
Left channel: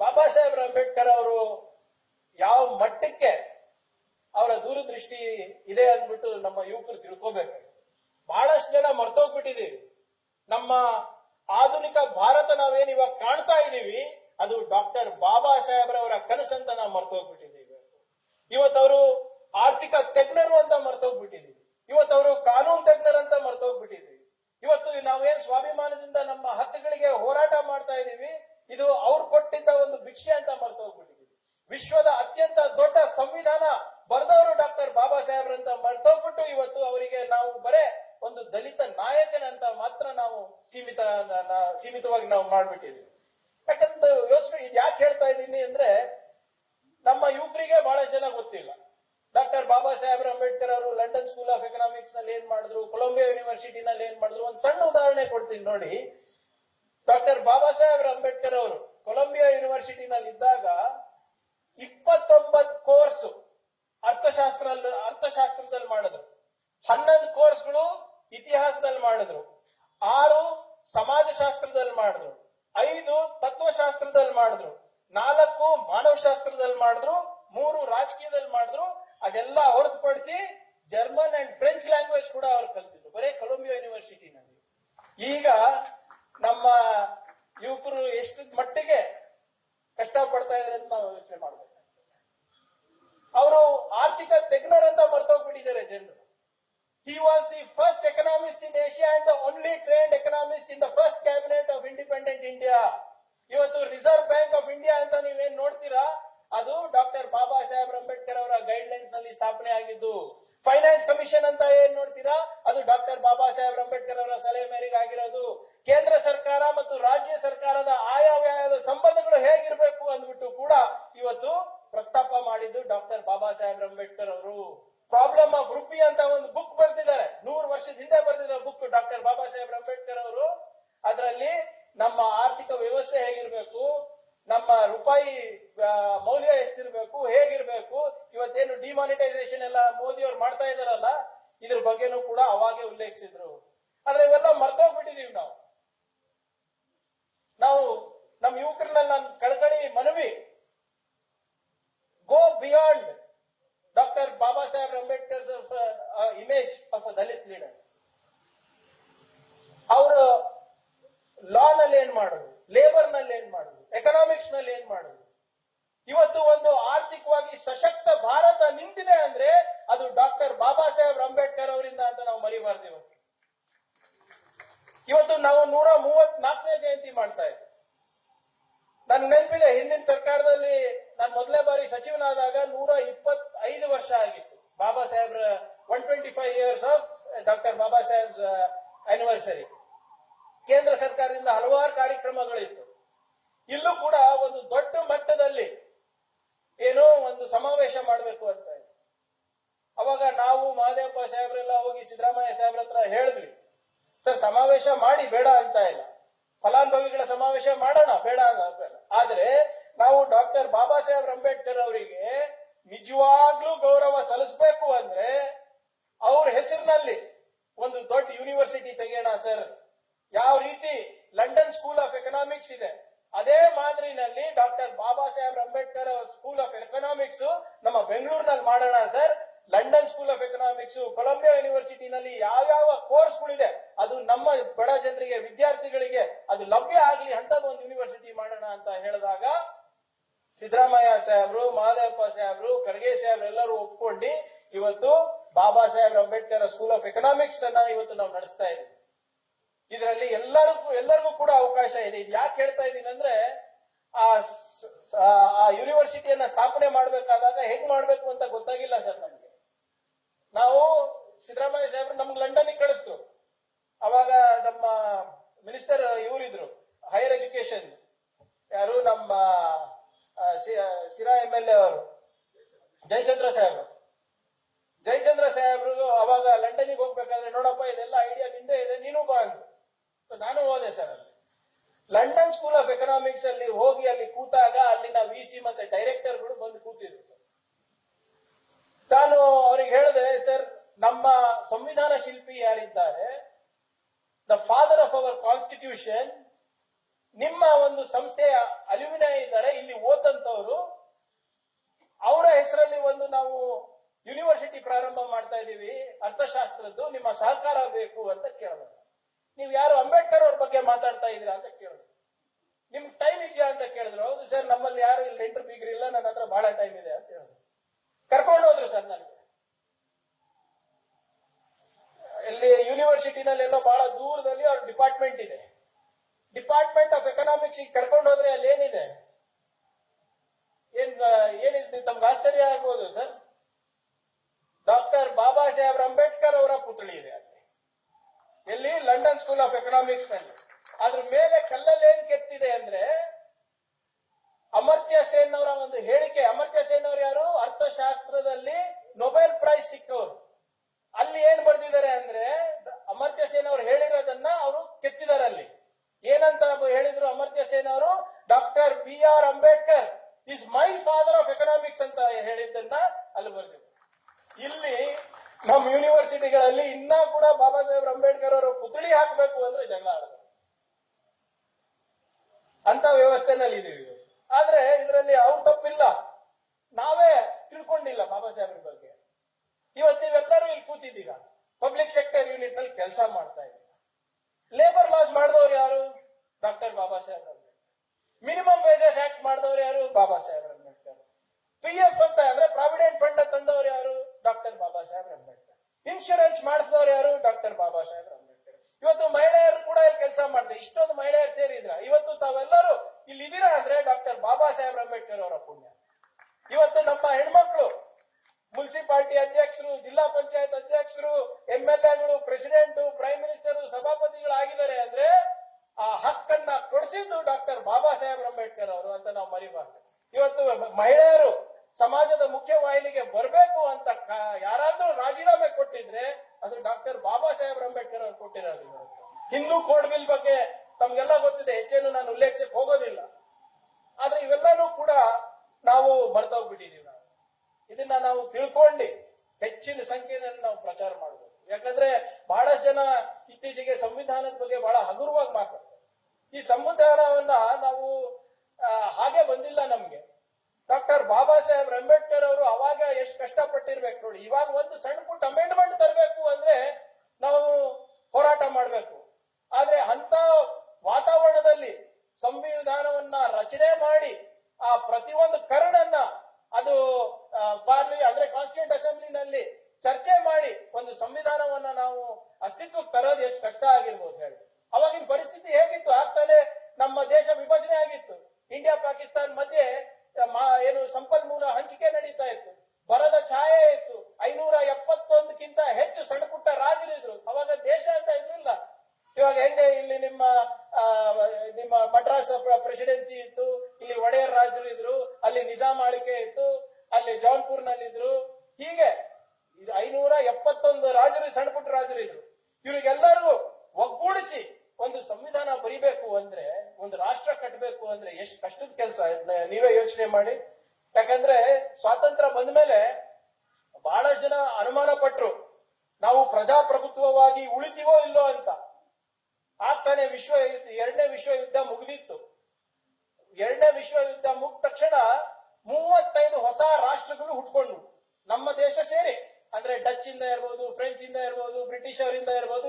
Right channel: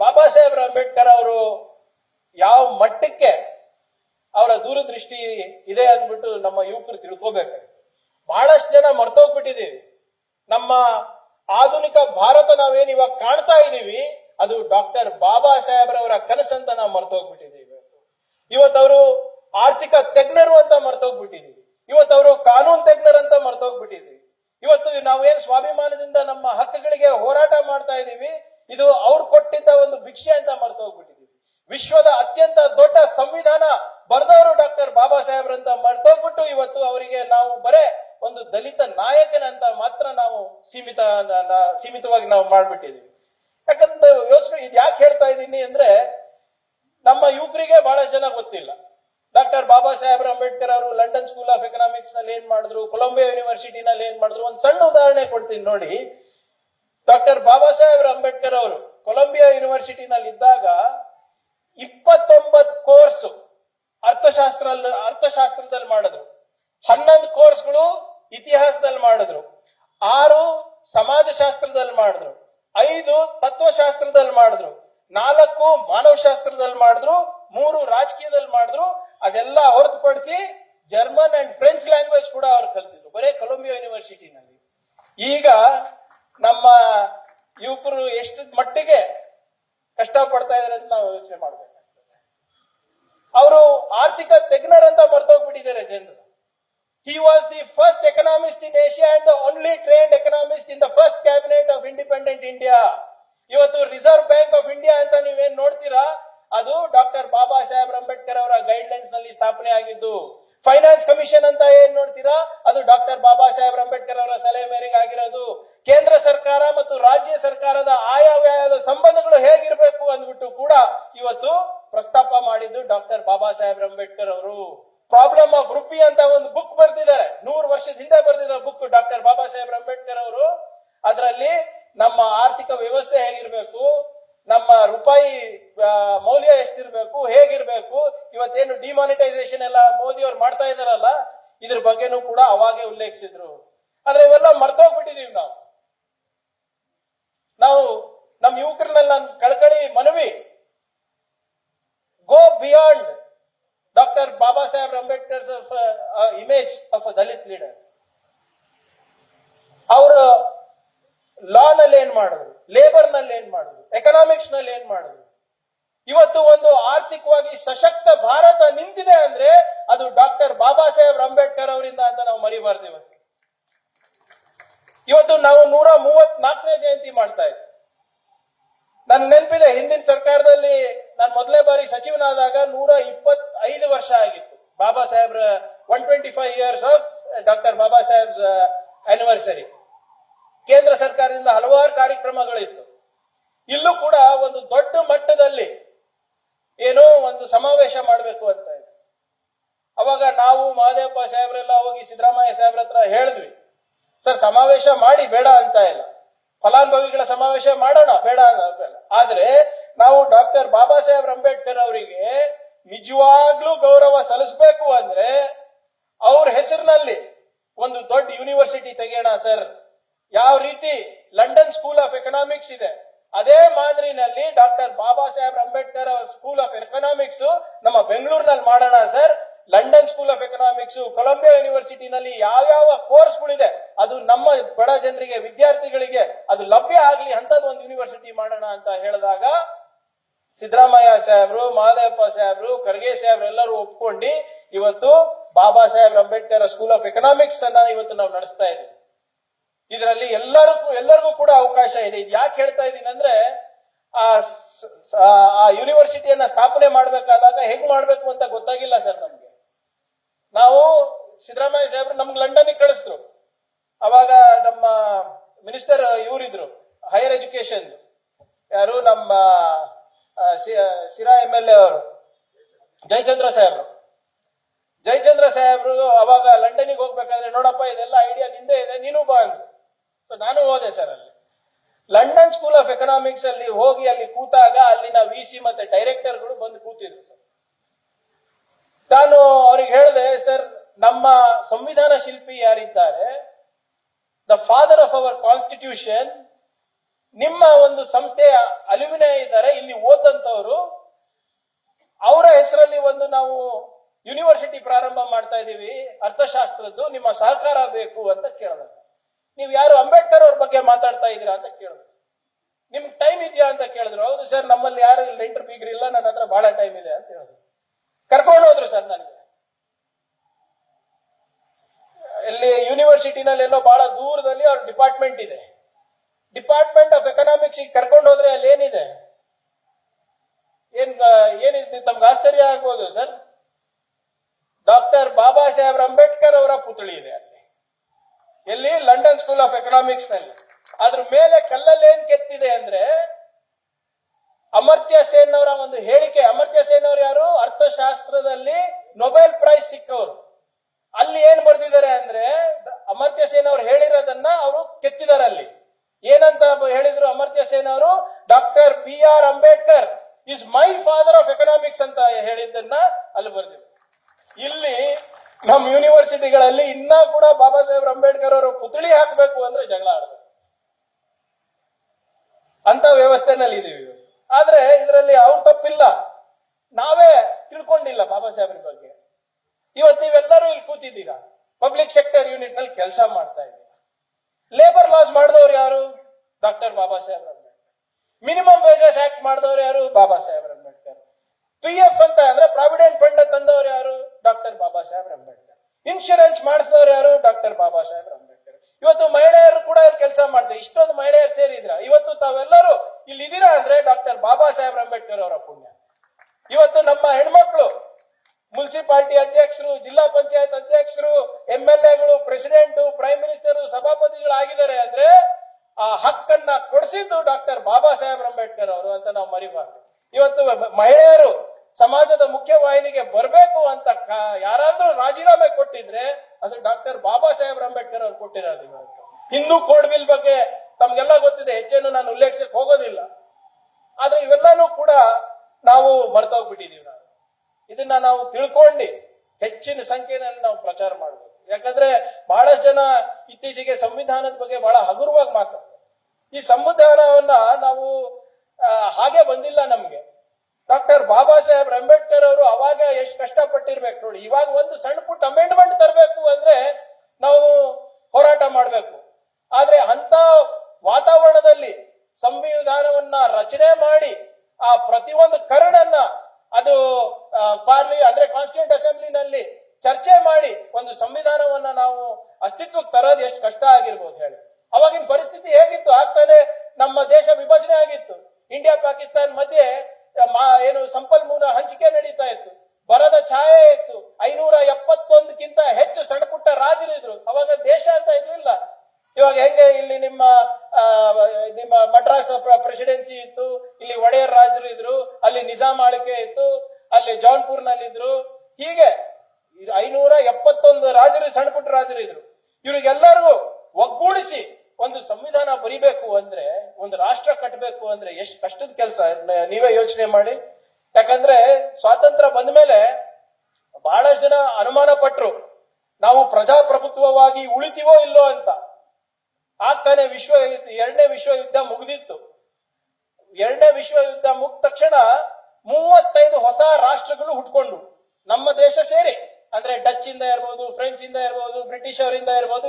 ಬಾಬಾ ಸಾಹೇಬ್ ಅಂಬೇಡ್ಕರ್ ಅವರು ಯಾವ ಮಟ್ಟಕ್ಕೆ ಅವರ ದೂರದೃಷ್ಟಿ ಇದೆ ಅಂದ್ಬಿಟ್ಟು ನಮ್ಮ ಯುವಕರು ತಿಳ್ಕೋಬೇಕು. ಬಹಳಷ್ಟು ಜನ ಮರ್ತೋಗ್ಬಿಟ್ಟಿದೀವಿ. ನಮ್ಮ ಆಧುನಿಕ ಭಾರತ ನಾವೇನ್ ಇವಾಗ ಕಾಣ್ತಾ ಇದೀವಿ ಅದು ಡಾಕ್ಟರ್ ಬಾಬಾ ಸಾಹೇಬ್ರವರ ಕನಸಂತ ನಾವು ಮರ್ತೋಗ್ಬಿಟ್ಟಿದೀವಿ. ಇವತ್ತವರು ಆರ್ಥಿಕ ತಜ್ಞರು ಅಂತ ಮರ್ತೋಗ್ಬಿಟ್ಟಿದೀವಿ. ಇವತ್ತವರು ಕಾನೂನು ತಜ್ಞರು ಅಂತ ಮರ್ತೋಗ್ಬಿಟ್ಟಿದೀವಿ. ಇವತ್ತು ನಾವೇನ್ ಸ್ವಾಭಿಮಾನದಿಂದ ನಮ್ಮ ಹಕ್ಕುಗಳಿಗೆ ಹೋರಾಟ ಮಾಡ್ತಾ ಇದೀವಿ, ಇದು ಅವ್ರು ಕೊಟ್ಟಿದ್ದ ಒಂದು ಭಿಕ್ಷೆ ಅಂತ ಮರ್ತೋಗ್ಬಿಟ್ಟಿದೀವಿ. ವಿಶ್ವದ ಅತ್ಯಂತ ದೊಡ್ಡ ಸಂವಿಧಾನ ಬರೆದವರು ಡಾಕ್ಟರ್ ಬಾಬಾ ಸಾಹೇಬ್ರಂತ ಮರ್ತೋಗ್ಬಿಟ್ಟು ಇವತ್ತು ಅವರಿಗೆ ನಾವು ಬರೇ ಒಂದು ದಲಿತ ನಾಯಕನಂತ ಮಾತ್ರ ನಾವು ಸೀಮಿತವಾಗಿ ನಾವು ಮಾಡ್ಬಿಟ್ಟಿದೀವಿ. ಯಾಕಂದ್ರೆ ಯೋಚನೆ ಇದು ಯಾಕೆ ಹೇಳ್ತಾ ಇದ್ದೀನಿ ಅಂದ್ರೆ ನಮ್ಮ ಯುವಕರಿಗೆ ಬಹಳ ಜನ ಗೊತ್ತಿಲ್ಲ. ಡಾಕ್ಟರ್ ಬಾಬಾ ಸಾಹೇಬ್ ಅಂಬೇಡ್ಕರ್ ಅವರು ಲಂಡನ್ ಸ್ಕೂಲ್ ಆಫ್ ಎಕನಾಮಿಕ್ಸ್ ನಲ್ಲಿ ಏನ್ ಮಾಡಿದ್ರು, ಕೊಲಂಬಿಯಾ ಯೂನಿವರ್ಸಿಟಿನಲ್ಲಿ ಏನ್ ಮಾಡಿದ್ರು, ಒಂದು ಸಣ್ಣ ಉದಾಹರಣೆ ಕೊಡ್ತೀನಿ ನೋಡಿ. ಡಾಕ್ಟರ್ ಬಾಬಾ ಸಾಹೇಬ್ ಅಂಬೇಡ್ಕರ್ ಅವರು ಕೊಲಂಬಿಯಾ ಯೂನಿವರ್ಸಿಟಿನಲ್ಲಿ ಇದ್ದಾಗ 29 ಕೋರ್ಸ್ ಅರ್ಥಶಾಸ್ತ್ರದಲ್ಲಿ ಮಾಡಿದ್ರು, 11 ಕೋರ್ಸ್ಗಳು ಇತಿಹಾಸದಲ್ಲಿ ಮಾಡಿದ್ರು, 6 ಸಮಾಜಶಾಸ್ತ್ರದಲ್ಲಿ ಮಾಡಿದ್ರು, 5 ತತ್ವಶಾಸ್ತ್ರದಲ್ಲಿ ಮಾಡಿದ್ರು, 4 ಮಾನವಶಾಸ್ತ್ರದಲ್ಲಿ ಮಾಡಿದ್ರು, 3 ರಾಜಕೀಯದಲ್ಲಿ ಮಾಡಿದ್ರು. ಅದೆಲ್ಲ ಹೊರತುಪಡಿಸಿ ಜರ್ಮನ್ ಅಂಡ್ ಫ್ರೆಂಚ್ ಲ್ಯಾಂಗ್ವೇಜ್ ಕೂಡ ಅವ್ರು ಕಲ್ತಿದ್ರು ಬರೇ ಕೊಲಂಬಿಯಾ ಯೂನಿವರ್ಸಿಟಿನಲ್ಲಿ. ಈಗ ನಮ್ಮ ಯುವಕರು ಎಷ್ಟು ಮಟ್ಟಿಗೆ ಕಷ್ಟ ಪಡ್ತಾ ಇದಾರೆ ಅಂತ ನಾವು ಯೋಚನೆ ಮಾಡ್ಬೇಕು. ಅವರು ಆರ್ಥಿಕ ತಜ್ಞರಂತ ಮರ್ತೋಗ್ಬಿಟ್ಟಿದ್ದಾರೆ ಜನರು. He was the first economist in Asia and the only trained economist in the first cabinet of independent India. ಇವತ್ತು ರಿಸರ್ವ್ ಬ್ಯಾಂಕ್ ಆಫ್ ಇಂಡಿಯಾ ಅಂತ ನೀವೇನ್ ನೋಡ್ತೀರಾ ಅದು ಡಾಕ್ಟರ್ ಬಾಬಾ ಸಾಹೇಬ್ ಅಂಬೇಡ್ಕರ್ ಅವರ ಗೈಡ್ಲೈನ್ಸ್ ನಲ್ಲಿ ಸ್ಥಾಪನೆ ಆಗಿದ್ದು. ಫೈನಾನ್ಸ್ ಕಮಿಷನ್ ಅಂತ ಏನ್ ನೋಡ್ತೀರಾ ಅದು ಡಾಕ್ಟರ್ ಬಾಬಾ ಸಾಹೇಬ್ ಅಂಬೇಡ್ಕರ್ ಅವರ ಸಲಹೆ ಮೇರೆಗೆ ಆಗಿರೋದು. ಕೇಂದ್ರ ಸರ್ಕಾರ ಮತ್ತು ರಾಜ್ಯ ಸರ್ಕಾರದ ಆಯವ್ಯಯದ ಸಂಬಂಧಗಳು ಹೇಗಿರ್ಬೇಕು ಅಂದ್ಬಿಟ್ಟು ಕೂಡ ಇವತ್ತು ಪ್ರಸ್ತಾಪ ಮಾಡಿದ್ದು ಡಾಕ್ಟರ್ ಬಾಬಾ ಸಾಹೇಬ್ ಅಂಬೇಡ್ಕರ್ ಅವರು. ಪ್ರಾಬ್ಲಮ್ ಆಫ್ ರುಪಿ ಅಂತ ಒಂದು ಬುಕ್ ಬರೆದಿದ್ದಾರೆ, 100 ವರ್ಷದ ಹಿಂದೆ ಬರೆದಿರೋ ಬುಕ್ ಡಾಕ್ಟರ್ ಬಾಬಾ ಸಾಹೇಬ್ ಅಂಬೇಡ್ಕರ್ ಅವರು. ಅದರಲ್ಲಿ ನಮ್ಮ ಆರ್ಥಿಕ ವ್ಯವಸ್ಥೆ ಹೇಗಿರ್ಬೇಕು, ನಮ್ಮ ರೂಪಾಯಿ ಮೌಲ್ಯ ಎಷ್ಟಿರ್ಬೇಕು, ಹೇಗಿರ್ಬೇಕು, ಇವತ್ತೇನು ಡಿಮಾನಿಟೈಸೇಷನ್ ಎಲ್ಲ ಮೋದಿ ಅವ್ರು ಮಾಡ್ತಾ ಇದಾರಲ್ಲ ಇದ್ರ ಬಗ್ಗೆನೂ ಕೂಡ ಅವಾಗೆ ಉಲ್ಲೇಖಿಸಿದ್ರು. ಆದ್ರೆ ಇವೆಲ್ಲ ಮರ್ತೋಗ್ಬಿಟ್ಟಿದೀವಿ ನಾವು ನಮ್ಮ ಯುವಕರನ್ನೆಲ್ಲ ನನ್ನ ಕಳಕಳಿ ಮನವಿ, go beyond doctor Baba Saheb Ambedkar image of a Dalit leader. ಅವರು ಲಾ ನಲ್ಲಿ ಏನ್ ಮಾಡಿದ್ರು, ಲೇಬರ್ ನಲ್ಲಿ ಏನ್ ಮಾಡಿದ್ರು, ಎಕನಾಮಿಕ್ಸ್ ನಲ್ಲಿ ಏನ್ ಮಾಡಿದ್ರು. ಇವತ್ತು ಒಂದು ಆರ್ಥಿಕವಾಗಿ ಸಶಕ್ತ ಭಾರತ ನಿಂತಿದೆ ಅಂದ್ರೆ ಅದು ಡಾಕ್ಟರ್ ಬಾಬಾ ಸಾಹೇಬ್ ಅಂಬೇಡ್ಕರ್ ಅವರಿಂದ ಅಂತ ನಾವು ಮರಿಬಾರ್ದು. ಇವತ್ತು ನಾವು 134ನೇ ಜಯಂತಿ ಮಾಡ್ತಾ ಇದ್ದೀವಿ. ನನ್ ನೆನಪಿದೆ, ಹಿಂದಿನ ಸರ್ಕಾರದಲ್ಲಿ ನಾನು ಮೊದಲೇ ಬಾರಿ ಸಚಿವನಾದಾಗ 125 ವರ್ಷ ಆಗಿತ್ತು ಬಾಬಾ ಸಾಹೇಬ್ರ 125 years of doctor Baba Saheb anniversary. ಕೇಂದ್ರ ಸರ್ಕಾರದಿಂದ ಹಲವಾರು ಕಾರ್ಯಕ್ರಮಗಳಿತ್ತು. ಇಲ್ಲೂ ಕೂಡ ಒಂದು ದೊಡ್ಡ ಮಟ್ಟದಲ್ಲಿ ಏನೋ ಒಂದು ಸಮಾವೇಶ ಮಾಡಬೇಕು ಅಂತ ಇದೆ. ಅವಾಗ ನಾವು ಮಹದೇವಪ್ಪ ಸಾಹೇಬ್ರೆಲ್ಲ ಹೋಗಿ ಸಿದ್ದರಾಮಯ್ಯ ಸಾಹೇಬ್ರ ಹತ್ರ ಹೇಳಿದ್ವಿ, ಸರ್ ಸಮಾವೇಶ ಮಾಡಿ, ಬೇಡ ಅಂತ ಇಲ್ಲ, ಫಲಾನುಭವಿಗಳ ಸಮಾವೇಶ ಮಾಡೋಣ, ಬೇಡ ಅಂತ. ಆದ್ರೆ ನಾವು ಡಾಕ್ಟರ್ ಬಾಬಾ ಸಾಹೇಬ್ ಅಂಬೇಡ್ಕರ್ ಅವರಿಗೆ ನಿಜವಾಗ್ಲೂ ಗೌರವ ಸಲ್ಲಿಸಬೇಕು ಅಂದ್ರೆ ಅವ್ರ ಹೆಸರಿನಲ್ಲಿ ಒಂದು ದೊಡ್ಡ ಯೂನಿವರ್ಸಿಟಿ ತೆಗೆಯೋಣ ಸರ್. ಯಾವ ರೀತಿ ಲಂಡನ್ ಸ್ಕೂಲ್ ಆಫ್ ಎಕನಾಮಿಕ್ಸ್ ಇದೆ ಅದೇ ಮಾದರಿನಲ್ಲಿ doctor Baba Saheb Ambedkar school of economics ನಮ್ಮ ಬೆಂಗಳೂರಿನಲ್ಲಿ ಮಾಡೋಣ sir. London school of economics, Columbia ಯೂನಿವರ್ಸಿಟಿನಲ್ಲಿ ಯಾವ್ಯಾವ ಕೋರ್ಸ್ಗಳಿದೆ ಅದು ನಮ್ಮ ಬಡ ಜನರಿಗೆ, ವಿದ್ಯಾರ್ಥಿಗಳಿಗೆ ಅದು ಲಭ್ಯ ಆಗ್ಲಿ ಅಂತದ್ದು ಒಂದು ಯೂನಿವರ್ಸಿಟಿ ಮಾಡೋಣ ಅಂತ ಹೇಳಿದಾಗ ಸಿದ್ದರಾಮಯ್ಯ ಸಾಹೇಬ್ರು, ಮಹದೇವಪ್ಪ ಸಾಹೇಬ್ರು, ಖರ್ಗೆ ಸಾಹೇಬ್ರು ಎಲ್ಲರೂ ಒಪ್ಕೊಂಡು ಇವತ್ತು Baba Saheb Ambedkar school of economics ಅನ್ನ ಇವತ್ತು ನಾವು ನಡೆಸ್ತಾ ಇದ್ದೀವಿ. ಇದರಲ್ಲಿ ಎಲ್ಲರಿಗೂ ಕೂಡ ಅವಕಾಶ ಇದೆ. ಇದು ಯಾಕೆ ಹೇಳ್ತಾ ಇದ್ದೀನಿ ಅಂದ್ರೆ ಆ ಯೂನಿವರ್ಸಿಟಿಯನ್ನ ಸ್ಥಾಪನೆ ಮಾಡ್ಬೇಕಾದಾಗ ಹೆಂಗ್ ಮಾಡ್ಬೇಕು ಅಂತ ಗೊತ್ತಾಗಿಲ್ಲ ಸರ್ ನಮ್ಗೆ. ನಾವು ಸಿದ್ದರಾಮಯ್ಯ ಸಾಹೇಬ್ರು ನಮ್ಗೆ ಲಂಡನ್ಗೆ ಕಳಿಸಿದ್ರು. ಅವಾಗ ನಮ್ಮ ಮಿನಿಸ್ಟರ್ ಇವರಿದ್ರು ಹೈಯರ್ ಎಜುಕೇಶನ್, ಯಾರು ನಮ್ಮ ಸಿರಾ MLA ಅವರು ಜಯಚಂದ್ರ ಸಾಹೇಬ್ರು ಅವಾಗ ಲಂಡನ್ಗೆ ಹೋಗ್ಬೇಕಾದ್ರೆ, ನೋಡಪ್ಪ ಇದೆಲ್ಲ ಐಡಿಯಾ ನಿಂದೆ ಇದೆ, ನೀನು ಬಾ ಅಂದ್ರು. ನಾನು ಹೋದೆ ಸರ್. ಅಲ್ಲಿ ಲಂಡನ್ ಸ್ಕೂಲ್ ಆಫ್ ಎಕನಾಮಿಕ್ಸ್ ಅಲ್ಲಿ ಹೋಗಿ ಅಲ್ಲಿ ಕೂತಾಗ ಅಲ್ಲಿನ VC ಮತ್ತೆ ಡೈರೆಕ್ಟರ್ಗಳು ಬಂದು ಕೂತಿದ್ರು ಸರ್. ನಾನು ಅವ್ರಿಗೆ ಹೇಳಿದೆ, ಸರ್ ನಮ್ಮ ಸಂವಿಧಾನ ಶಿಲ್ಪಿ ಯಾರಿದ್ದಾರೆ, the father of our constitution, ನಿಮ್ಮ ಒಂದು ಸಂಸ್ಥೆಯ ಅಲ್ಯುಮಿನೈ ಇದ್ದಾರೆ, ಇಲ್ಲಿ ಓದಂತವ್ರು, ಅವರ ಹೆಸರಲ್ಲಿ ಒಂದು ನಾವು ಯೂನಿವರ್ಸಿಟಿ ಪ್ರಾರಂಭ ಮಾಡ್ತಾ ಇದೀವಿ ಅರ್ಥಶಾಸ್ತ್ರದ್ದು, ನಿಮ್ಮ ಸಹಕಾರ ಬೇಕು ಅಂತ ಕೇಳಿದ್ರು. ನೀವು ಯಾರು ಅಂಬೇಡ್ಕರ್ ಅವ್ರ ಬಗ್ಗೆ ಮಾತಾಡ್ತಾ ಇದ್ದೀರಾ ಅಂತ ಕೇಳಿದ್ರು. ನಿಮ್ಗೆ ಟೈಮ್ ಇದೆಯಾ ಅಂತ ಕೇಳಿದ್ರು. ಹೌದು ಸರ್, ನಮ್ಮಲ್ಲಿ ಯಾರು ಇಲ್ಲಿ ನೆಂಟರು ಬೀಗ್ರಿ ಇಲ್ಲ, ನನ್ನ ಹತ್ರ ಬಹಳ ಟೈಮ್ ಇದೆ ಅಂತ ಹೇಳಿದ್ರು. ಕರ್ಕೊಂಡು ಹೋದ್ರು ಸರ್ ನನಗೆ. ಇಲ್ಲಿ ಯೂನಿವರ್ಸಿಟಿನಲ್ಲಿ ಎಲ್ಲೋ ಬಹಳ ದೂರದಲ್ಲಿ ಅವ್ರ ಡಿಪಾರ್ಟ್ಮೆಂಟ್ ಇದೆ. ಡಿಪಾರ್ಟ್ಮೆಂಟ್ ಆಫ್ ಎಕನಾಮಿಕ್ಸ್ ಕರ್ಕೊಂಡು ಹೋದ್ರೆ ಅಲ್ಲಿ ಏನಿದೆ, ಏನಿದೆ ತಮ್ಗೆ ಆಶ್ಚರ್ಯ ಆಗ್ಬೋದು ಸರ್. ಡಾಕ್ಟರ್ ಬಾಬಾ ಸಾಹೇಬ್ ಅಂಬೇಡ್ಕರ್ ಅವರ ಪುತ್ಳಿ ಇದೆ ಅಲ್ಲಿ. ಎಲ್ಲಿ? ಲಂಡನ್ ಸ್ಕೂಲ್ ಆಫ್ ಎಕನಾಮಿಕ್ಸ್ ನಲ್ಲಿ. ಅದ್ರ ಮೇಲೆ ಕಲ್ಲಲ್ಲಿ ಏನ್ ಕೆತ್ತಿದೆ ಅಂದ್ರೆ ಅಮರ್ತ್ಯ ಸೇನ್ ಅವರ ಒಂದು ಹೇಳಿಕೆ. ಅಮರ್ತ್ಯ ಸೇನ್ ಅವರು ಯಾರು? ಅರ್ಥಶಾಸ್ತ್ರದಲ್ಲಿ ನೊಬೆಲ್ ಪ್ರೈಸ್ ಸಿಕ್ಕವರು. ಅಲ್ಲಿ ಏನ್ ಬರ್ದಿದ್ದಾರೆ ಅಂದ್ರೆ ಅಮರ್ತ್ಯ ಸೇನ್ ಅವರು ಹೇಳಿರೋದನ್ನ ಅವರು ಕೆತ್ತಿದ್ದಾರೆ. ಅಲ್ಲಿ ಏನಂತ ಹೇಳಿದ್ರು ಅಮರ್ತ್ಯ ಸೇನ್ ಅವರು? Doctor BR Ambedkar is my father of economics ಅಂತ ಹೇಳಿದ್ದನ್ನ ಅಲ್ಲಿ ಬರ್ದಿದ್ರು. ಇಲ್ಲಿ ನಮ್ಮ ಯೂನಿವರ್ಸಿಟಿಗಳಲ್ಲಿ ಇನ್ನ ಕೂಡ ಬಾಬಾ ಸಾಹೇಬ್ ಅಂಬೇಡ್ಕರ್ ಅವರು ಪುತ್ಳಿ ಹಾಕಬೇಕು ಅಂದ್ರೆ ಜಗಳ ಆಡಬೇಕು ಅಂತ ವ್ಯವಸ್ಥೆನಲ್ಲಿ ಇದೀವಿ. ಆದ್ರೆ ಇದರಲ್ಲಿ ಅವ್ರ ತಪ್ಪಿಲ್ಲ, ನಾವೇ ತಿಳ್ಕೊಂಡಿಲ್ಲ ಬಾಬಾ ಸಾಹೇಬ್ರ ಬಗ್ಗೆ. ಇವತ್ತು ನೀವೆಲ್ಲರೂ ಇಲ್ಲಿ ಕೂತಿದ್ದೀರಾ, ಪಬ್ಲಿಕ್ ಸೆಕ್ಟರ್ ಯೂನಿಟ್ ನಲ್ಲಿ ಕೆಲಸ ಮಾಡ್ತಾ ಇದ್ದೀರಾ. ಲೇಬರ್ ಲಾಸ್ ಮಾಡಿದವರು ಯಾರು? Doctor Baba Saheb Ambedkar. Minimum wages act ಮಾಡಿದವರು ಯಾರು? ಬಾಬಾ ಸಾಹೇಬ್ ಅಂಬೇಡ್ಕರ್. PF ಅಂತ ಅಂದ್ರೆ ಪ್ರಾವಿಡೆಂಟ್ ಫಂಡ್ ತಂದವರು ಯಾರು? ಡಾಕ್ಟರ್ ಬಾಬಾ ಸಾಹೇಬ್ ಅಂಬೇಡ್ಕರ್. ಇನ್ಶೂರೆನ್ಸ್ ಮಾಡಿಸಿದವರು ಯಾರು? ಡಾಕ್ಟರ್ ಬಾಬಾ ಸಾಹೇಬ್ ಅಂಬೇಡ್ಕರ್. ಇವತ್ತು ಮಹಿಳೆಯರು ಕೂಡ ಇಲ್ಲಿ ಕೆಲಸ ಮಾಡ್ತಾರೆ. ಇಷ್ಟೊಂದು ಮಹಿಳೆಯರು ಸೇರಿದ್ರ, ಇವತ್ತು ತಾವೆಲ್ಲರೂ ಇಲ್ಲಿ ಇದೀರಾ ಅಂದ್ರೆ ಡಾಕ್ಟರ್ ಬಾಬಾ ಸಾಹೇಬ್ ಅಂಬೇಡ್ಕರ್ ಅವರ ಪುಣ್ಯ. ಇವತ್ತು ನಮ್ಮ ಹೆಣ್ಮಕ್ಳು ಮುನ್ಸಿಪಾಲಿಟಿ ಅಧ್ಯಕ್ಷರು, ಜಿಲ್ಲಾ ಪಂಚಾಯತ್ ಅಧ್ಯಕ್ಷರು, MLAಗಳು, ಪ್ರೆಸಿಡೆಂಟ್, ಪ್ರೈಮ್ ಮಿನಿಸ್ಟರ್, ಸಭಾಪತಿಗಳಾಗಿದ್ದಾರೆ ಅಂದ್ರೆ ಆ ಹಕ್ಕನ್ನ ಕೊಡಿಸಿದ್ದು ಡಾಕ್ಟರ್ ಬಾಬಾ ಸಾಹೇಬ್ ಅಂಬೇಡ್ಕರ್ ಅವರು ಅಂತ ನಾವು ಮರಿಬಾರ್ದು. ಇವತ್ತು ಮಹಿಳೆಯರು ಸಮಾಜದ ಮುಖ್ಯವಾಹಿನಿಗೆ ಬರಬೇಕು ಅಂತ ಯಾರಾದ್ರೂ ರಾಜೀನಾಮೆ ಕೊಟ್ಟಿದ್ರೆ ಅದು ಡಾಕ್ಟರ್ ಬಾಬಾ ಸಾಹೇಬ್ ಅಂಬೇಡ್ಕರ್ ಅವ್ರು ಕೊಟ್ಟಿರೋದು. ಹಿಂದೂ ಕೋಡ್ ಬಿಲ್ ಬಗ್ಗೆ ತಮ್ಗೆಲ್ಲ ಗೊತ್ತಿದೆ, ಹೆಚ್ಚೇನು ನಾನು ಉಲ್ಲೇಖಿಸಕ್ಕೆ ಹೋಗೋದಿಲ್ಲ. ಆದ್ರೆ ಇವೆಲ್ಲಾನು ಕೂಡ ನಾವು ಮರ್ತೋಗ್ಬಿಟ್ಟಿದೀವಿ. ಇದನ್ನ ನಾವು ತಿಳ್ಕೊಂಡು ಹೆಚ್ಚಿನ ಸಂಖ್ಯೆಯಲ್ಲಿ ನಾವು ಪ್ರಚಾರ ಮಾಡಬೇಕು. ಯಾಕಂದ್ರೆ ಬಹಳಷ್ಟು ಜನ ಇತ್ತೀಚೆಗೆ ಸಂವಿಧಾನದ ಬಗ್ಗೆ ಬಹಳ ಹಗುರವಾಗಿ ಮಾತಾಡ್ತಾರೆ. ಈ ಸಂವಿಧಾನವನ್ನ ನಾವು ಹಾಗೆ ಬಂದಿಲ್ಲ ನಮ್ಗೆ. ಡಾಕ್ಟರ್ ಬಾಬಾ ಸಾಹೇಬ್ ಅಂಬೇಡ್ಕರ್ ಅವರು ಅವಾಗ ಎಷ್ಟು ಕಷ್ಟಪಟ್ಟಿರ್ಬೇಕು ನೋಡಿ. ಇವಾಗ ಒಂದು ಸಣ್ಣ ಪುಟ್ಟ ಅಮೆಂಡ್ಮೆಂಟ್ ತರಬೇಕು ಅಂದ್ರೆ ನಾವು ಹೋರಾಟ ಮಾಡ್ಬೇಕು. ಆದ್ರೆ ಅಂತ ವಾತಾವರಣದಲ್ಲಿ ಸಂವಿಧಾನವನ್ನ ರಚನೆ ಮಾಡಿ ಆ ಪ್ರತಿಯೊಂದು ಕರಡನ್ನ ಅದು ಅಂದ್ರೆ ಕಾನ್ಸ್ಟಿಟ್ಯೂಂಟ್ ಅಸೆಂಬ್ಲಿನಲ್ಲಿ ಚರ್ಚೆ ಮಾಡಿ ಒಂದು ಸಂವಿಧಾನವನ್ನ ನಾವು ಅಸ್ತಿತ್ವಕ್ಕೆ ತರೋದು ಎಷ್ಟು ಕಷ್ಟ ಆಗಿರ್ಬೋದು ಹೇಳಿ. ಅವಾಗಿನ ಪರಿಸ್ಥಿತಿ ಹೇಗಿತ್ತು? ಆಗ್ತಾನೆ ನಮ್ಮ ದೇಶ ವಿಭಜನೆ ಆಗಿತ್ತು. ಇಂಡಿಯಾ ಪಾಕಿಸ್ತಾನ ಮಧ್ಯೆ ಏನು ಸಂಪನ್ಮೂಲ ಹಂಚಿಕೆ ನಡೀತಾ ಇತ್ತು. ಬರದ ಛಾಯೆ ಇತ್ತು. 571ಕ್ಕಿಂತ ಹೆಚ್ಚು ಸಣ್ಣ ಪುಟ್ಟ ರಾಜರಿದ್ರು. ಅವಾಗ ದೇಶ ಅಂತ ಇರಲಿಲ್ಲ. ಇವಾಗ ಹೆಂಗೆ ಇಲ್ಲಿ ನಿಮ್ಮ ಮಡ್ರಾಸ್ ಪ್ರೆಸಿಡೆನ್ಸಿ ಇತ್ತು, ಇಲ್ಲಿ ಒಡೆಯರ್ ರಾಜರು ಇದ್ರು, ಅಲ್ಲಿ ನಿಜಾಮ್ ಆಳ್ವಿಕೆ ಇತ್ತು, ಅಲ್ಲಿ ಜೌನ್ಪುರ್ ನಲ್ಲಿದ್ರು. ಹೀಗೆ 571 ರಾಜರು, ಸಣ್ಣ ಪುಟ್ಟ ರಾಜರು ಇದ್ರು. ಇವ್ರಿಗೆಲ್ಲರಿಗೂ ಒಗ್ಗೂಡಿಸಿ ಒಂದು ಸಂವಿಧಾನ ಬರಿಬೇಕು ಅಂದ್ರೆ, ಒಂದು ರಾಷ್ಟ್ರ ಕಟ್ಟಬೇಕು ಅಂದ್ರೆ ಎಷ್ಟು ಕಷ್ಟದ ಕೆಲಸ ನೀವೇ ಯೋಚನೆ ಮಾಡಿ. ಯಾಕಂದ್ರೆ ಸ್ವಾತಂತ್ರ್ಯ ಬಂದ ಮೇಲೆ ಬಹಳ ಜನ ಅನುಮಾನ ಪಟ್ರು, ನಾವು ಪ್ರಜಾಪ್ರಭುತ್ವವಾಗಿ ಉಳಿತೀವೋ ಇಲ್ಲೋ ಅಂತ. ಆಗ್ತಾನೆ ಎರಡನೇ ವಿಶ್ವ ಯುದ್ಧ ಮುಗಿದಿತ್ತು. ಎರಡನೇ ವಿಶ್ವ ಯುದ್ಧ ಮುಗಿದ ತಕ್ಷಣ 35 ಹೊಸ ರಾಷ್ಟ್ರಗಳು ಹುಟ್ಕೊಂಡು ನಮ್ಮ ದೇಶ ಸೇರಿ, ಅಂದ್ರೆ ಡಚ್ ಇಂದ ಇರ್ಬೋದು, ಫ್ರೆಂಚ್ ಇಂದ ಇರ್ಬೋದು, ಬ್ರಿಟಿಷ್ ಅವರಿಂದ ಇರ್ಬೋದು,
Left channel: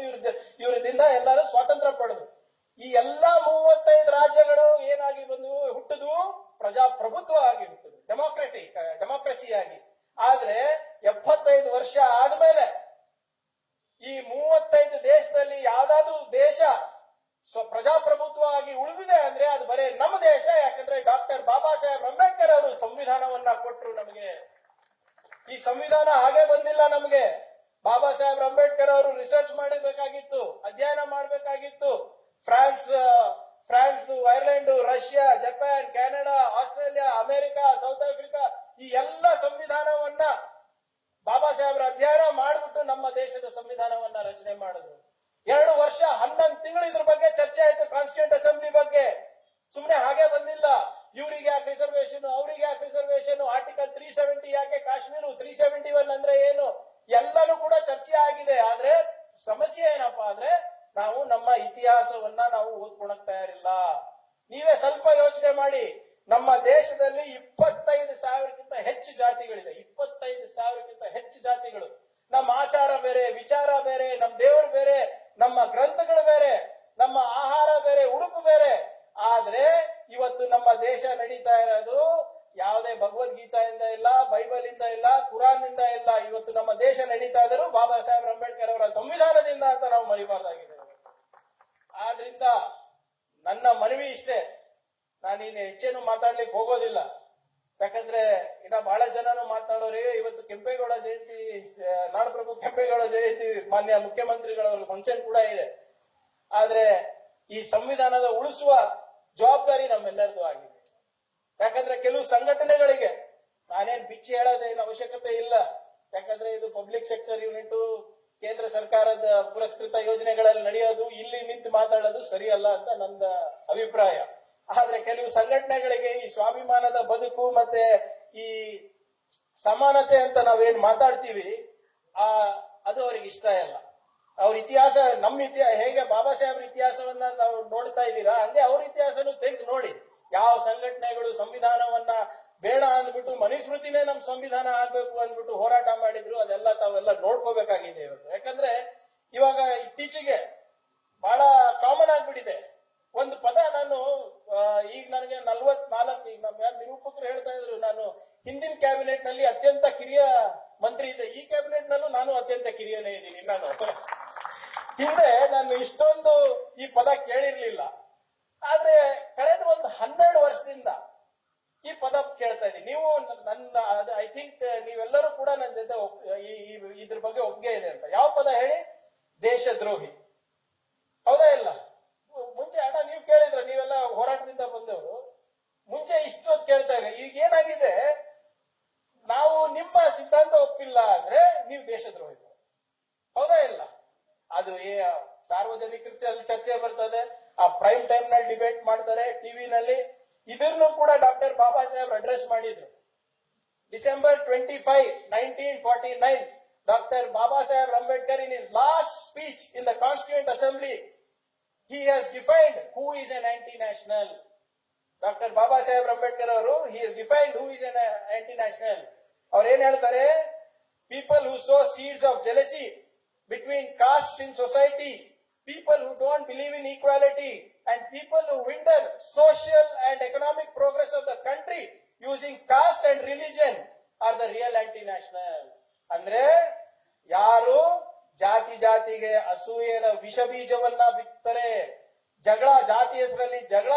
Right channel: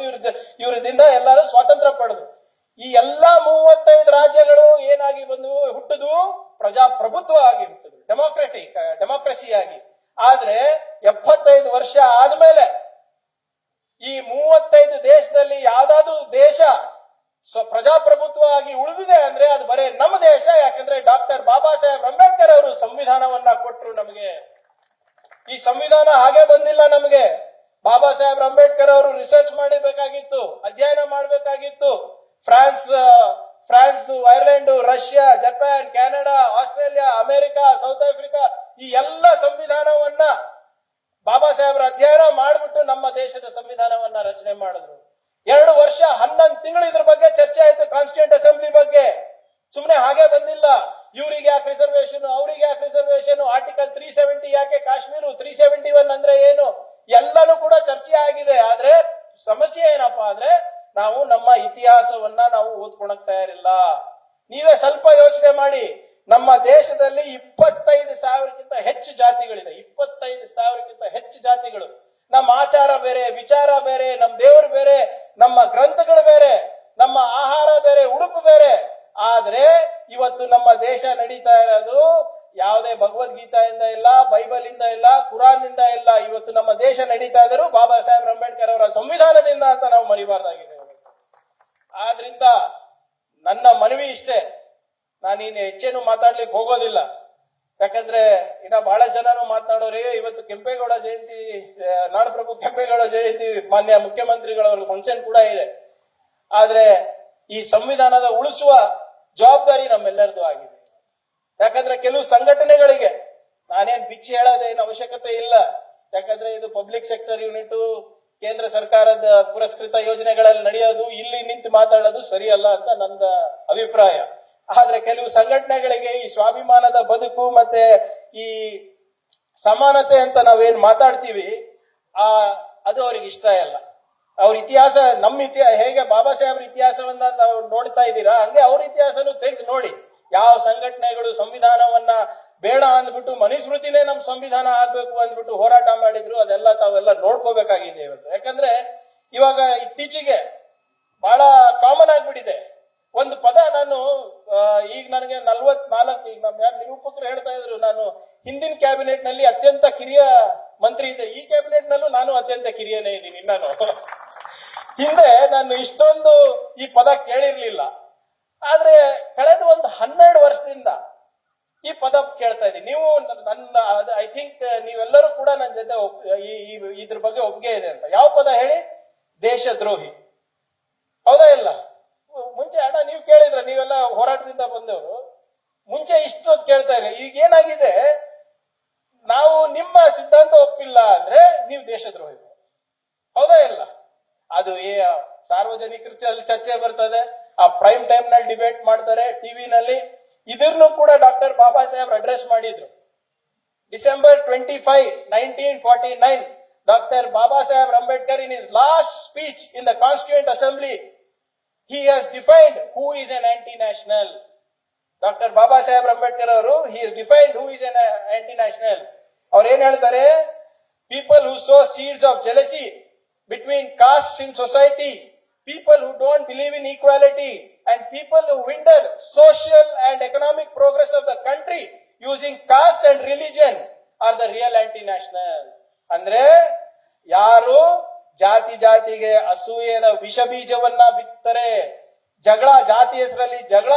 ಇವ್ರದಿಂದ ಎಲ್ಲರೂ ಸ್ವಾತಂತ್ರ್ಯ ಪಡೆದು. ಈ ಎಲ್ಲಾ 35 ರಾಜ್ಯಗಳು ಏನಾಗಿ ಬಂದವು? ಹುಟ್ಟುದು ಪ್ರಜಾಪ್ರಭುತ್ವ ಆಗಿ ಹುಟ್ಟುದು, ಡೆಮೋಕ್ರಸಿ ಆಗಿ. ಆದ್ರೆ 75 ವರ್ಷ ಆದ್ಮೇಲೆ ಈ 35 ದೇಶದಲ್ಲಿ ಯಾವ್ದಾದ್ರು ದೇಶ ಪ್ರಜಾಪ್ರಭುತ್ವ ಆಗಿ ಉಳಿದಿದೆ ಅಂದ್ರೆ ಅದು ಬರೇ ನಮ್ಮ ದೇಶ. ಯಾಕಂದ್ರೆ ಡಾಕ್ಟರ್ ಬಾಬಾ ಸಾಹೇಬ್ ಅಂಬೇಡ್ಕರ್ ಅವರು ಸಂವಿಧಾನವನ್ನ ಕೊಟ್ಟರು ನಮಗೆ. ಈ ಸಂವಿಧಾನ ಹಾಗೆ ಬಂದಿಲ್ಲ ನಮಗೆ. ಬಾಬಾ ಸಾಹೇಬ್ ಅಂಬೇಡ್ಕರ್ ಅವರು ರಿಸರ್ಚ್ ಮಾಡಬೇಕಾಗಿತ್ತು, ಅಧ್ಯಯನ ಮಾಡಬೇಕಾಗಿತ್ತು. France, Ireland, Russia, Japan, Canada, Australia, America, south Africa ಈ ಎಲ್ಲ ಸಂವಿಧಾನವನ್ನ ಬಾಬಾ ಸಾಹೇಬ್ರ ಅಧ್ಯಯನ ಮಾಡಿಬಿಟ್ಟು ನಮ್ಮ ದೇಶದ ಸಂವಿಧಾನವನ್ನ ರಚನೆ ಮಾಡಿದ್ರು. 2 ವರ್ಷ 11 ತಿಂಗಳು ಇದ್ರ ಬಗ್ಗೆ ಚರ್ಚೆ ಆಯ್ತು, ಕಾನ್ಸ್ಟಿಟ್ಯೂಂಟ್ ಅಸೆಂಬ್ಲಿ ಬಗ್ಗೆ. ಸುಮ್ನೆ ಹಾಗೆ ಬಂದಿಲ್ಲ. ಇವ್ರಿಗೆ ಯಾಕೆ ರಿಸರ್ವೇಶನ್, ಅವ್ರಿಗೆ ಯಾಕೆ ರಿಸರ್ವೇಶನ್, ಆರ್ಟಿಕಲ್ 370 ಯಾಕೆ ಕಾಶ್ಮೀರ, 371 ಅಂದ್ರೆ ಏನು, ಎಲ್ಲನೂ ಕೂಡ ಚರ್ಚೆ ಆಗಿದೆ. ಆದ್ರೆ ಸಮಸ್ಯೆ ಏನಪ್ಪಾ ಅಂದ್ರೆ ನಾವು ನಮ್ಮ ಇತಿಹಾಸವನ್ನ ನಾವು ಓದ್ಕೊಳಕ್ ತಯಾರಿಲ್ಲ. ನೀವೇ ಸ್ವಲ್ಪ ಯೋಚನೆ ಮಾಡಿ. ನಮ್ಮ ದೇಶದಲ್ಲಿ 25,000ಕ್ಕಿಂತ ಹೆಚ್ಚು ಜಾತಿಗಳಿದೆ. 25,000ಕ್ಕಿಂತ ಹೆಚ್ಚು ಜಾತಿಗಳು. ನಮ್ಮ ಆಚಾರ ಬೇರೆ, ವಿಚಾರ ಬೇರೆ, ನಮ್ಮ ದೇವರು ಬೇರೆ, ನಮ್ಮ ಗ್ರಂಥಗಳು ಬೇರೆ, ನಮ್ಮ ಆಹಾರ ಬೇರೆ, ಉಡುಪು ಬೇರೆ. ಆದ್ರೆ ಇವತ್ತು ನಮ್ಮ ದೇಶ ನಡೀತಾ ಇರೋದು ಯಾವುದೇ ಭಗವದ್ಗೀತೆಯಿಂದ ಇಲ್ಲ, ಬೈಬಲ್ ಇಂದ ಇಲ್ಲ, ಕುರಾನ್ ಇಂದ ಇಲ್ಲ. ಇವತ್ತು ನಮ್ಮ ದೇಶ ನಡೀತಾ ಇದ್ರು ಬಾಬಾ ಸಾಹೇಬ್ ಅಂಬೇಡ್ಕರ್ ಅವರ ಸಂವಿಧಾನದಿಂದ ಅಂತ ನಾವು ಮರಿಬಾರ್ದಾಗಿದೆ. ಆದ್ರಿಂದ ನನ್ನ ಮನವಿ ಇಷ್ಟೇ, ನಾನಿನ್ನು ಹೆಚ್ಚೇನು ಮಾತಾಡ್ಲಿಕ್ಕೆ ಹೋಗೋದಿಲ್ಲ. ಯಾಕಂದ್ರೆ ಇನ್ನ ಬಹಳ ಜನನು ಮಾತನಾಡೋರಿ. ಇವತ್ತು ಕೆಂಪೇಗೌಡ ಜಯಂತಿ, ನಾಡಪ್ರಭು ಕೆಂಪೇಗೌಡ ಜಯಂತಿ, ಮಾನ್ಯ ಮುಖ್ಯಮಂತ್ರಿಗಳವ್ರ ಫಂಕ್ಷನ್ ಕೂಡ ಇದೆ. ಆದ್ರೆ ಈ ಸಂವಿಧಾನದ ಉಳಿಸುವ ಜವಾಬ್ದಾರಿ ನಮ್ಮೆಲ್ಲರದು ಆಗಿದೆ. ಯಾಕಂದ್ರೆ ಕೆಲವು ಸಂಘಟನೆಗಳಿಗೆ ನಾನೇನ್ ಬಿಚ್ಚಿ ಹೇಳೋದೇನು ಅವಶ್ಯಕತೆ ಇಲ್ಲ. ಯಾಕಂದ್ರೆ ಇದು ಪಬ್ಲಿಕ್ ಸೆಕ್ಟರ್ ಯೂನಿಟ್, ಕೇಂದ್ರ ಸರ್ಕಾರದ ಪುರಸ್ಕೃತ ಯೋಜನೆಗಳಲ್ಲಿ ನಡೆಯೋದು, ಇಲ್ಲಿ ನಿಂತು ಮಾತಾಡೋದು ಸರಿಯಲ್ಲ ಅಂತ ನನ್ನ ಅಭಿಪ್ರಾಯ. ಆದ್ರೆ ಕೆಲವು ಸಂಘಟನೆಗಳಿಗೆ ಈ ಸ್ವಾಭಿಮಾನದ ಬದುಕು ಮತ್ತೆ ಈ ಸಮಾನತೆ ಅಂತ ನಾವೇನ್ ಮಾತಾಡ್ತೀವಿ, ಅದು ಅವ್ರಿಗೆ ಇಷ್ಟ ಇಲ್ಲ. ಅವ್ರ ಇತಿಹಾಸ, ನಮ್ಮ ಇತಿಹಾಸ ಹೇಗೆ ಬಾಬಾ ಸಾಹೇಬ್ರ ಇತಿಹಾಸವನ್ನ ನಾವು ನೋಡ್ತಾ ಇದ್ದೀರಾ, ಹಂಗೆ ಅವ್ರ ಇತಿಹಾಸನು ತೆಗೆದು ನೋಡಿ. ಯಾವ ಸಂಘಟನೆಗಳು ಸಂವಿಧಾನವನ್ನ ಬೇಡ ಅಂದ್ಬಿಟ್ಟು, ಮನುಸ್ಮೃತಿನೇ ನಮ್ ಸಂವಿಧಾನ ಆಗ್ಬೇಕು ಅಂದ್ಬಿಟ್ಟು ಹೋರಾಟ ಮಾಡಿದ್ರು, ಅದೆಲ್ಲ ತಾವೆಲ್ಲ ನೋಡ್ಕೋಬೇಕಾಗಿದೆ ಇವತ್ತು. ಯಾಕಂದ್ರೆ ಇವಾಗ ಇತ್ತೀಚೆಗೆ ಬಹಳ ಕಾಮನ್ ಆಗ್ಬಿಟ್ಟಿದೆ ಒಂದು ಪದ. ನಾನು ಈಗ ನನಗೆ 44, ಈಗ ನಮ್ಮ ನಿರೂಪಕರು ಹೇಳ್ತಾ ಇದ್ರು, ನಾನು ಹಿಂದಿನ ಕ್ಯಾಬಿನೆಟ್ ನಲ್ಲಿ ಅತ್ಯಂತ ಕಿರಿಯ ಮಂತ್ರಿ ಇದ್ದೆ, ಈ ಕ್ಯಾಬಿನೆಟ್ ನಲ್ಲೂ ನಾನು ಅತ್ಯಂತ ಕಿರಿಯನೇ ಇದ್ದೀನಿ. ನಾನು ಹಿಂದೆ ನಾನು ಇಷ್ಟೊಂದು ಈ ಪದ ಕೇಳಿರ್ಲಿಲ್ಲ. ಆದ್ರೆ ಕಳೆದ ಒಂದು 12 ವರ್ಷದಿಂದ ಈ ಪದ ಕೇಳ್ತಾ ಇದ್ದೀನಿ. ನೀವು ನನ್ನ ಐ ಥಿಂಕ್ ನೀವೆಲ್ಲರೂ ಕೂಡ ನನ್ನ ಜೊತೆ ಇದ್ರ ಬಗ್ಗೆ ಒಪ್ಪಿಗೆ ಇದೆ ಅಂತ. ಯಾವ ಪದ ಹೇಳಿ? ದೇಶದ್ರೋಹಿ. ಹೌದಾ ಇಲ್ಲ? ಮುಂಚೆ ಅಣ್ಣ ನೀವು ಕೇಳಿದ್ರೆ, ನೀವೆಲ್ಲ ಹೋರಾಟದಿಂದ ಬಂದವರು, ಮುಂಚೆ ಇಷ್ಟೊತ್ತು ಕೇಳ್ತಾ ಇಲ್ಲ. ಈಗ ಏನಾಗಿದೆ, ನಾವು ನಿಮ್ಮ ಸಿದ್ಧಾಂತ ಒಪ್ಪಿಲ್ಲ ಅಂದ್ರೆ ನೀವು ದೇಶದ್ರೋಹಿ. ಹೌದಾ ಇಲ್ಲ? ಅದು ಸಾರ್ವಜನಿಕರಲ್ಲಿ ಚರ್ಚೆ ಬರ್ತದೆ, ಆ ಪ್ರೈಮ್ ಟೈಮ್ ನಲ್ಲಿ ಡಿಬೇಟ್ ಮಾಡ್ತಾರೆ ಟಿವಿನಲ್ಲಿ. ಇದನ್ನು ಕೂಡ ಡಾಕ್ಟರ್ ಬಾಬಾ ಸಾಹೇಬ್ ಅಡ್ರೆಸ್ ಮಾಡಿದ್ರು. December 25, 1949, Dr. Baba Saheb Ambedkar, in his last speech in the Constituent Assembly, he has defined who is an anti-national. Dr. Baba Saheb Ambedkar ಅವರು, he has defined who is an anti-national. ಅವ್ರು ಏನ್ ಹೇಳ್ತಾರೆ? People who sow seeds of jealousy between castes in society, people who don't believe in equality, and people who hinder social and economic progress of the country using caste and religion are the real anti-nationals. ಅಂದ್ರೆ ಯಾರು ಜಾತಿಗೆ ಅಸೂಯೆಯ ವಿಷ ಬೀಜವನ್ನ ಬಿತ್ತಾರೆ, ಜಾತಿ ಹೆಸರಲ್ಲಿ ಜಗಳ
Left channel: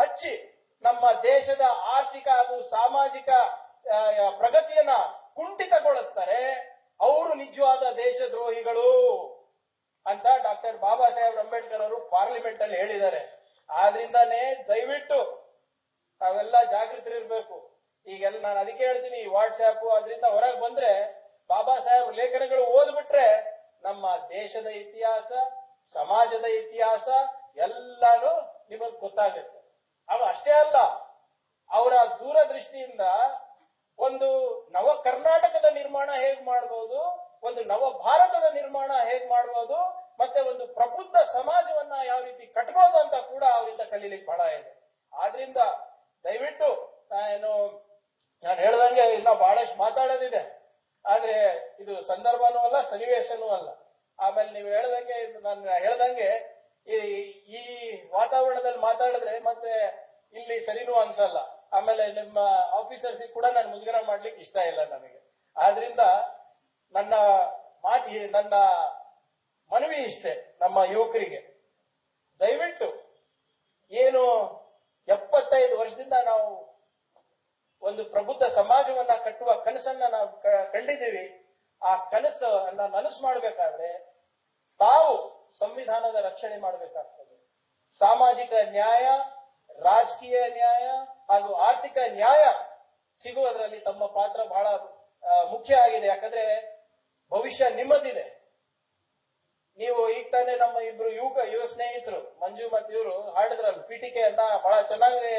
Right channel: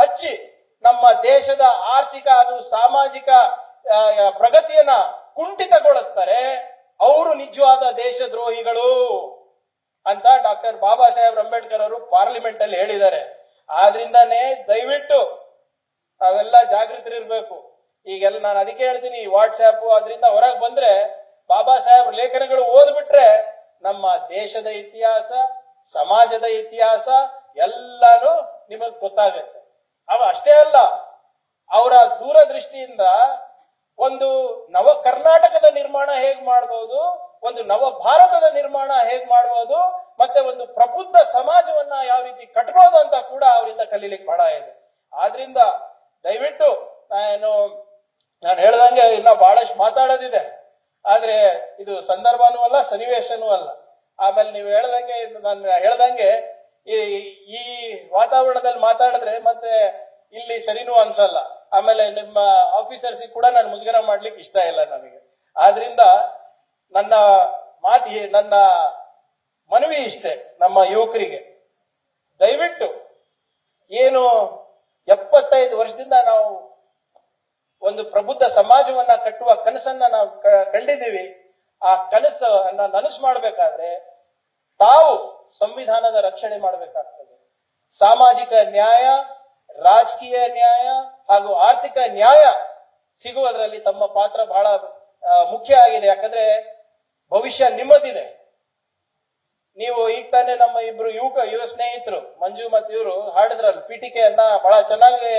ಹಚ್ಚಿ ನಮ್ಮ ದೇಶದ ಆರ್ಥಿಕ ಹಾಗೂ ಸಾಮಾಜಿಕ ಪ್ರಗತಿಯನ್ನ ಕುಂಠಿತಗೊಳಿಸ್ತಾರೆ, ಅವರು ನಿಜವಾದ ದೇಶದ್ರೋಹಿಗಳು ಅಂತ ಡಾಕ್ಟರ್ ಬಾಬಾ ಸಾಹೇಬ್ ಅಂಬೇಡ್ಕರ್ ಅವರು ಪಾರ್ಲಿಮೆಂಟ್ ಅಲ್ಲಿ ಹೇಳಿದ್ದಾರೆ. ಆದ್ರಿಂದಾನೇ ದಯವಿಟ್ಟು ತಾವೆಲ್ಲ ಜಾಗೃತರಿರ್ಬೇಕು. ಈಗೆಲ್ಲ ನಾನು ಅದಕ್ಕೆ ಹೇಳ್ತೀನಿ, ವಾಟ್ಸ್ಆಪ್ ಅದರಿಂದ ಹೊರಗೆ ಬಂದ್ರೆ ಬಾಬಾ ಸಾಹೇಬ್ ಲೇಖನಗಳು ಓದ್ಬಿಟ್ರೆ ನಮ್ಮ ದೇಶದ ಇತಿಹಾಸ, ಸಮಾಜದ ಇತಿಹಾಸ ಎಲ್ಲಾನು ನಿಮಗ್ ಗೊತ್ತಾಗುತ್ತೆ. ಅಷ್ಟೇ ಅಲ್ಲ, ಅವರ ದೂರದೃಷ್ಟಿಯಿಂದ ಒಂದು ನವ ಕರ್ನಾಟಕದ ನಿರ್ಮಾಣ ಹೇಗ್ ಮಾಡಬಹುದು, ಒಂದು ನವ ಭಾರತದ ನಿರ್ಮಾಣ ಹೇಗ್ ಮಾಡಬಹುದು, ಮತ್ತೆ ಒಂದು ಪ್ರಬುದ್ಧ ಸಮಾಜವನ್ನ ಯಾವ ರೀತಿ ಕಟ್ಟಬಹುದು ಅಂತ ಕೂಡ ಅವರಿಂದ ಕಲೀಲಿಕ್ಕೆ ಬಹಳ ಇದೆ. ಆದ್ರಿಂದ ದಯವಿಟ್ಟು ನಾನು ಹೇಳ್ದಂಗೆ ಇನ್ನ ಬಹಳಷ್ಟು ಮಾತಾಡೋದಿದೆ, ಆದ್ರೆ ಇದು ಸಂದರ್ಭನೂ ಅಲ್ಲ, ಸನ್ನಿವೇಶನೂ ಅಲ್ಲ. ಆಮೇಲೆ ನೀವು ನಾನು ಹೇಳ್ದಂಗೆ ಈ ವಾತಾವರಣದಲ್ಲಿ ಮಾತಾಡಿದ್ರೆ ಮತ್ತೆ ಇಲ್ಲಿ ಸರಿನೂ ಅನ್ಸಲ್ಲ. ಆಮೇಲೆ ನಿಮ್ಮ ಆಫೀಸರ್ಸ್ ಕೂಡ ನಾನು ಮುಜುಗರ ಮಾಡ್ಲಿಕ್ಕೆ ಇಷ್ಟ ಇಲ್ಲ ನನಗೆ. ಆದ್ರಿಂದ ನನ್ನ ಮನವಿ ಇಷ್ಟೇ, ನಮ್ಮ ಯುವಕರಿಗೆ ದಯವಿಟ್ಟು ಏನು 75 ವರ್ಷದಿಂದ ನಾವು ಒಂದು ಪ್ರಬುದ್ಧ ಸಮಾಜವನ್ನ ಕಟ್ಟುವ ಕನಸನ್ನ ನಾವು ಕಂಡಿದ್ದೀವಿ. ಆ ಕನಸನ್ನ ನನಸು ಮಾಡ್ಬೇಕಾದ್ರೆ ತಾವು ಸಂವಿಧಾನದ ರಕ್ಷಣೆ ಮಾಡಬೇಕಾಗ್ತದೆ. ಸಾಮಾಜಿಕ ನ್ಯಾಯ, ರಾಜಕೀಯ ನ್ಯಾಯ ಹಾಗೂ ಆರ್ಥಿಕ ನ್ಯಾಯ ಸಿಗುವುದರಲ್ಲಿ ತಮ್ಮ ಪಾತ್ರ ಬಹಳ ಮುಖ್ಯ ಆಗಿದೆ. ಯಾಕಂದ್ರೆ ಭವಿಷ್ಯ ನಿಮ್ಮದಿದೆ. ನೀವು ಈಗ ತಾನೇ ನಮ್ಮ ಇಬ್ರು ಯುವ ಸ್ನೇಹಿತರು ಮಂಜು ಮತ್ತು ಇವರು ಹಾಡಿದ್ರಲ್ಲ ಪೀಠಿಕೆಯನ್ನ, ಬಹಳ ಚೆನ್ನಾಗಿ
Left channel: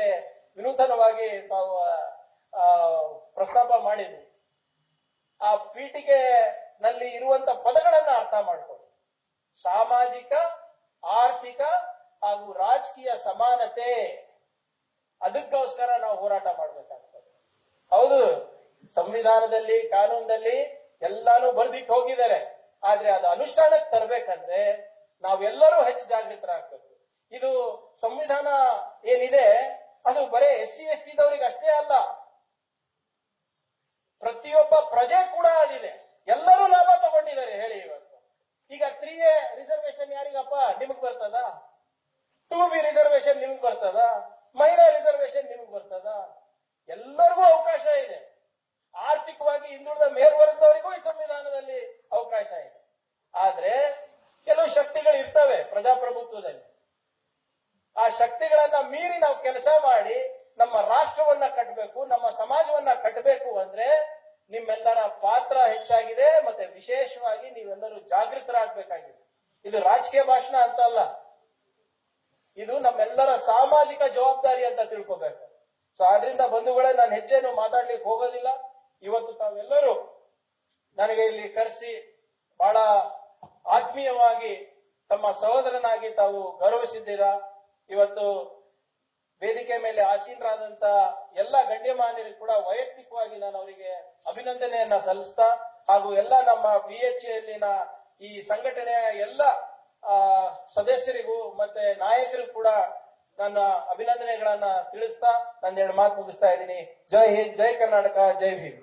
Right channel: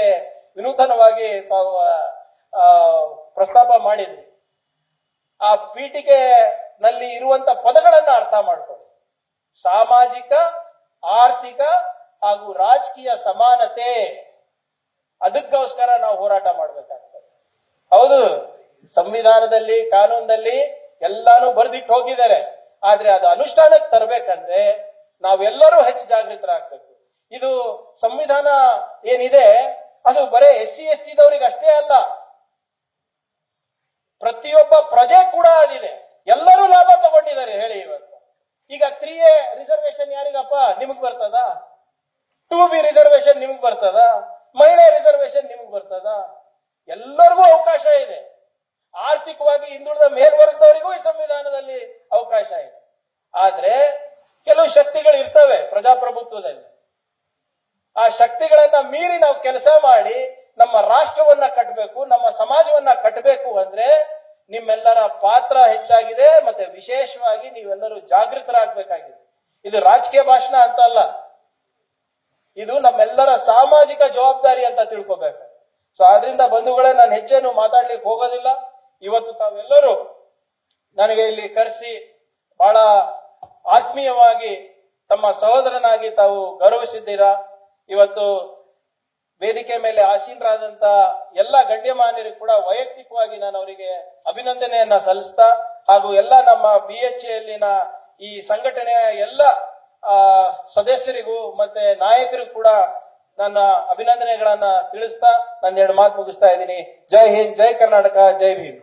ವಿನೂತನವಾಗಿ ತಾವು ಪ್ರಸ್ತಾಪ ಮಾಡಿದ್ವಿ. ಆ ಪೀಠಿಕೆ ನಲ್ಲಿ ಇರುವಂತ ಪದಗಳನ್ನ ಅರ್ಥ ಮಾಡ್ಕೊಳ್ಳಿ. ಸಾಮಾಜಿಕ, ಆರ್ಥಿಕ ಹಾಗೂ ರಾಜಕೀಯ ಸಮಾನತೆ ಅದಕ್ಕೋಸ್ಕರ ನಾವು ಹೋರಾಟ ಮಾಡ್ಬೇಕಾಗ್ತದೆ. ಹೌದು, ಸಂವಿಧಾನದಲ್ಲಿ ಕಾನೂನಲ್ಲಿ ಎಲ್ಲಾನು ಬರ್ದಿಟ್ಟು ಹೋಗಿದ್ದಾರೆ, ಆದ್ರೆ ಅದು ಅನುಷ್ಠಾನಕ್ಕೆ ತರಬೇಕಂದ್ರೆ ನಾವೆಲ್ಲರೂ ಹೆಚ್ಚು ಜಾಗೃತರಾಗಬೇಕು. ಇದು ಸಂವಿಧಾನ ಏನಿದೆ ಅದು ಬರೇ SC ST ದವರಿಗೆ ಅಷ್ಟೇ ಅಲ್ಲ, ಪ್ರತಿಯೊಬ್ಬ ಪ್ರಜೆ ಕೂಡ ಆಗಿದೆ. ಎಲ್ಲರೂ ಲಾಭ ತಗೊಂಡಿದ್ದಾರೆ. ಹೇಳಿ ಇವತ್ತು ಈಗ 3A ರಿಸರ್ವೇಶನ್ ಯಾರಿಗಪ್ಪ? ನಿಮಗ್ ಬರ್ತದ? 2B ರಿಸರ್ವೇಶನ್ ನಿಮಗ್ ಬರ್ತದ? ಮಹಿಳೆ ರಿಸರ್ವೇಶನ್ ನಿಮಗ್ ಬರ್ತದ? ಎಲ್ಲರಿಗೂ ಅವಕಾಶ ಇದೆ. ಆರ್ಥಿಕವಾಗಿ ಹಿಂದುಳಿದ ಮೇಲ್ವರ್ಗದವರಿಗೂ ಈ ಸಂವಿಧಾನದಲ್ಲಿ ಅವಕಾಶ ಇದೆ. ಆದ್ರೆ ಕೆಲವು ಶಕ್ತಿಗಳು ಇರ್ತವೆ ಪ್ರಜಾಪ್ರಭುತ್ವದಲ್ಲಿ. ಆ ಶಕ್ತಿಗಳನ್ನ ಮೀರಿ ನಾವು ಕೆಲಸ ಮಾಡಿ ನಮ್ಮ ರಾಷ್ಟ್ರವನ್ನ ಕಟ್ಟಬೇಕು, ನಮ್ಮ ಸಮಾಜವನ್ನ ಕಟ್ಟಬೇಕು ಅಂದ್ರೆ ನಿಮ್ಮೆಲ್ಲರ ಪಾತ್ರ ಹೆಚ್ಚಾಗಿದೆ. ಮತ್ತೆ ವಿಶೇಷವಾಗಿ ನೀವೆಲ್ಲರೂ ಜಾಗೃತರಾಗಬೇಕಾಗಿದೆ. ಇದು ರಾಜಕೀಯ ಭಾಷಣ ಅಂತ ಅಲ್ಲ, ಇದು ನಮ್ಮೆಲ್ಲರ ಸಾಮಾಜಿಕ ಜವಾಬ್ದಾರಿ ಅಂತ ತಿಳ್ಕೊಬೇಕು. ಸೊ ಆದ್ರಿಂದ ಬಂಧುಗಳೇ, ನಾನು ಹೆಚ್ಚೇನು ಮಾತಾಡ್ಲಿಕ್ಕೆ ಹೋಗೋದಿಲ್ಲ. ಇವತ್ತು ತಾವೆಲ್ಲರೂ ನನಗೆ ಇಲ್ಲಿ ಕರೆಸಿ ಬಹಳ ಆತ್ಮೀಯವಾಗಿ ತಮ್ಮ ಸಹೋದರನಾಗಿ ತಾವು ಗೌರವಿಸಿದ್ದೀರಾ. ಇವತ್ತು ವೇದಿಕೆ ಮೇಲೆ ಆಸೀನರಾದಂತ ಎಲ್ಲ ಗಣ್ಯಮಾನ್ಯರಿಗೂ ಕೂಡ ವೈಯಕ್ತಿಕವಾಗಿ ನಾನು ಅವರಿಗೆ ಅಭಿನಂದನೆಯನ್ನ ಸಲ್ಲಿಸ್ತಾ, ಹಾಗೂ ಎಲ್ಲ ನಮ್ಮ BHAಯಲ್ಲಿನ ಈ ಸಂಘಟನೆಯ ಎಲ್ಲ ಸದಸ್ಯರಿಗೂ ಮತ್ತೆ ನಾಯಕರಿಗೂ ಕೂಡ ನನ್ನ ಅಭಿನಂದನೆಗಳನ್ನ ತಿಳಿಸ್ತಾ ನನ್ನ 2 ಮಾತು ಮುಗಿಸ್ತಾ ಇದ್ದೀನಿ. ಜೈ ಹಿಂದ್, ಜೈ ಕರ್ನಾಟಕ, ಜೈ ಭೀಮ್.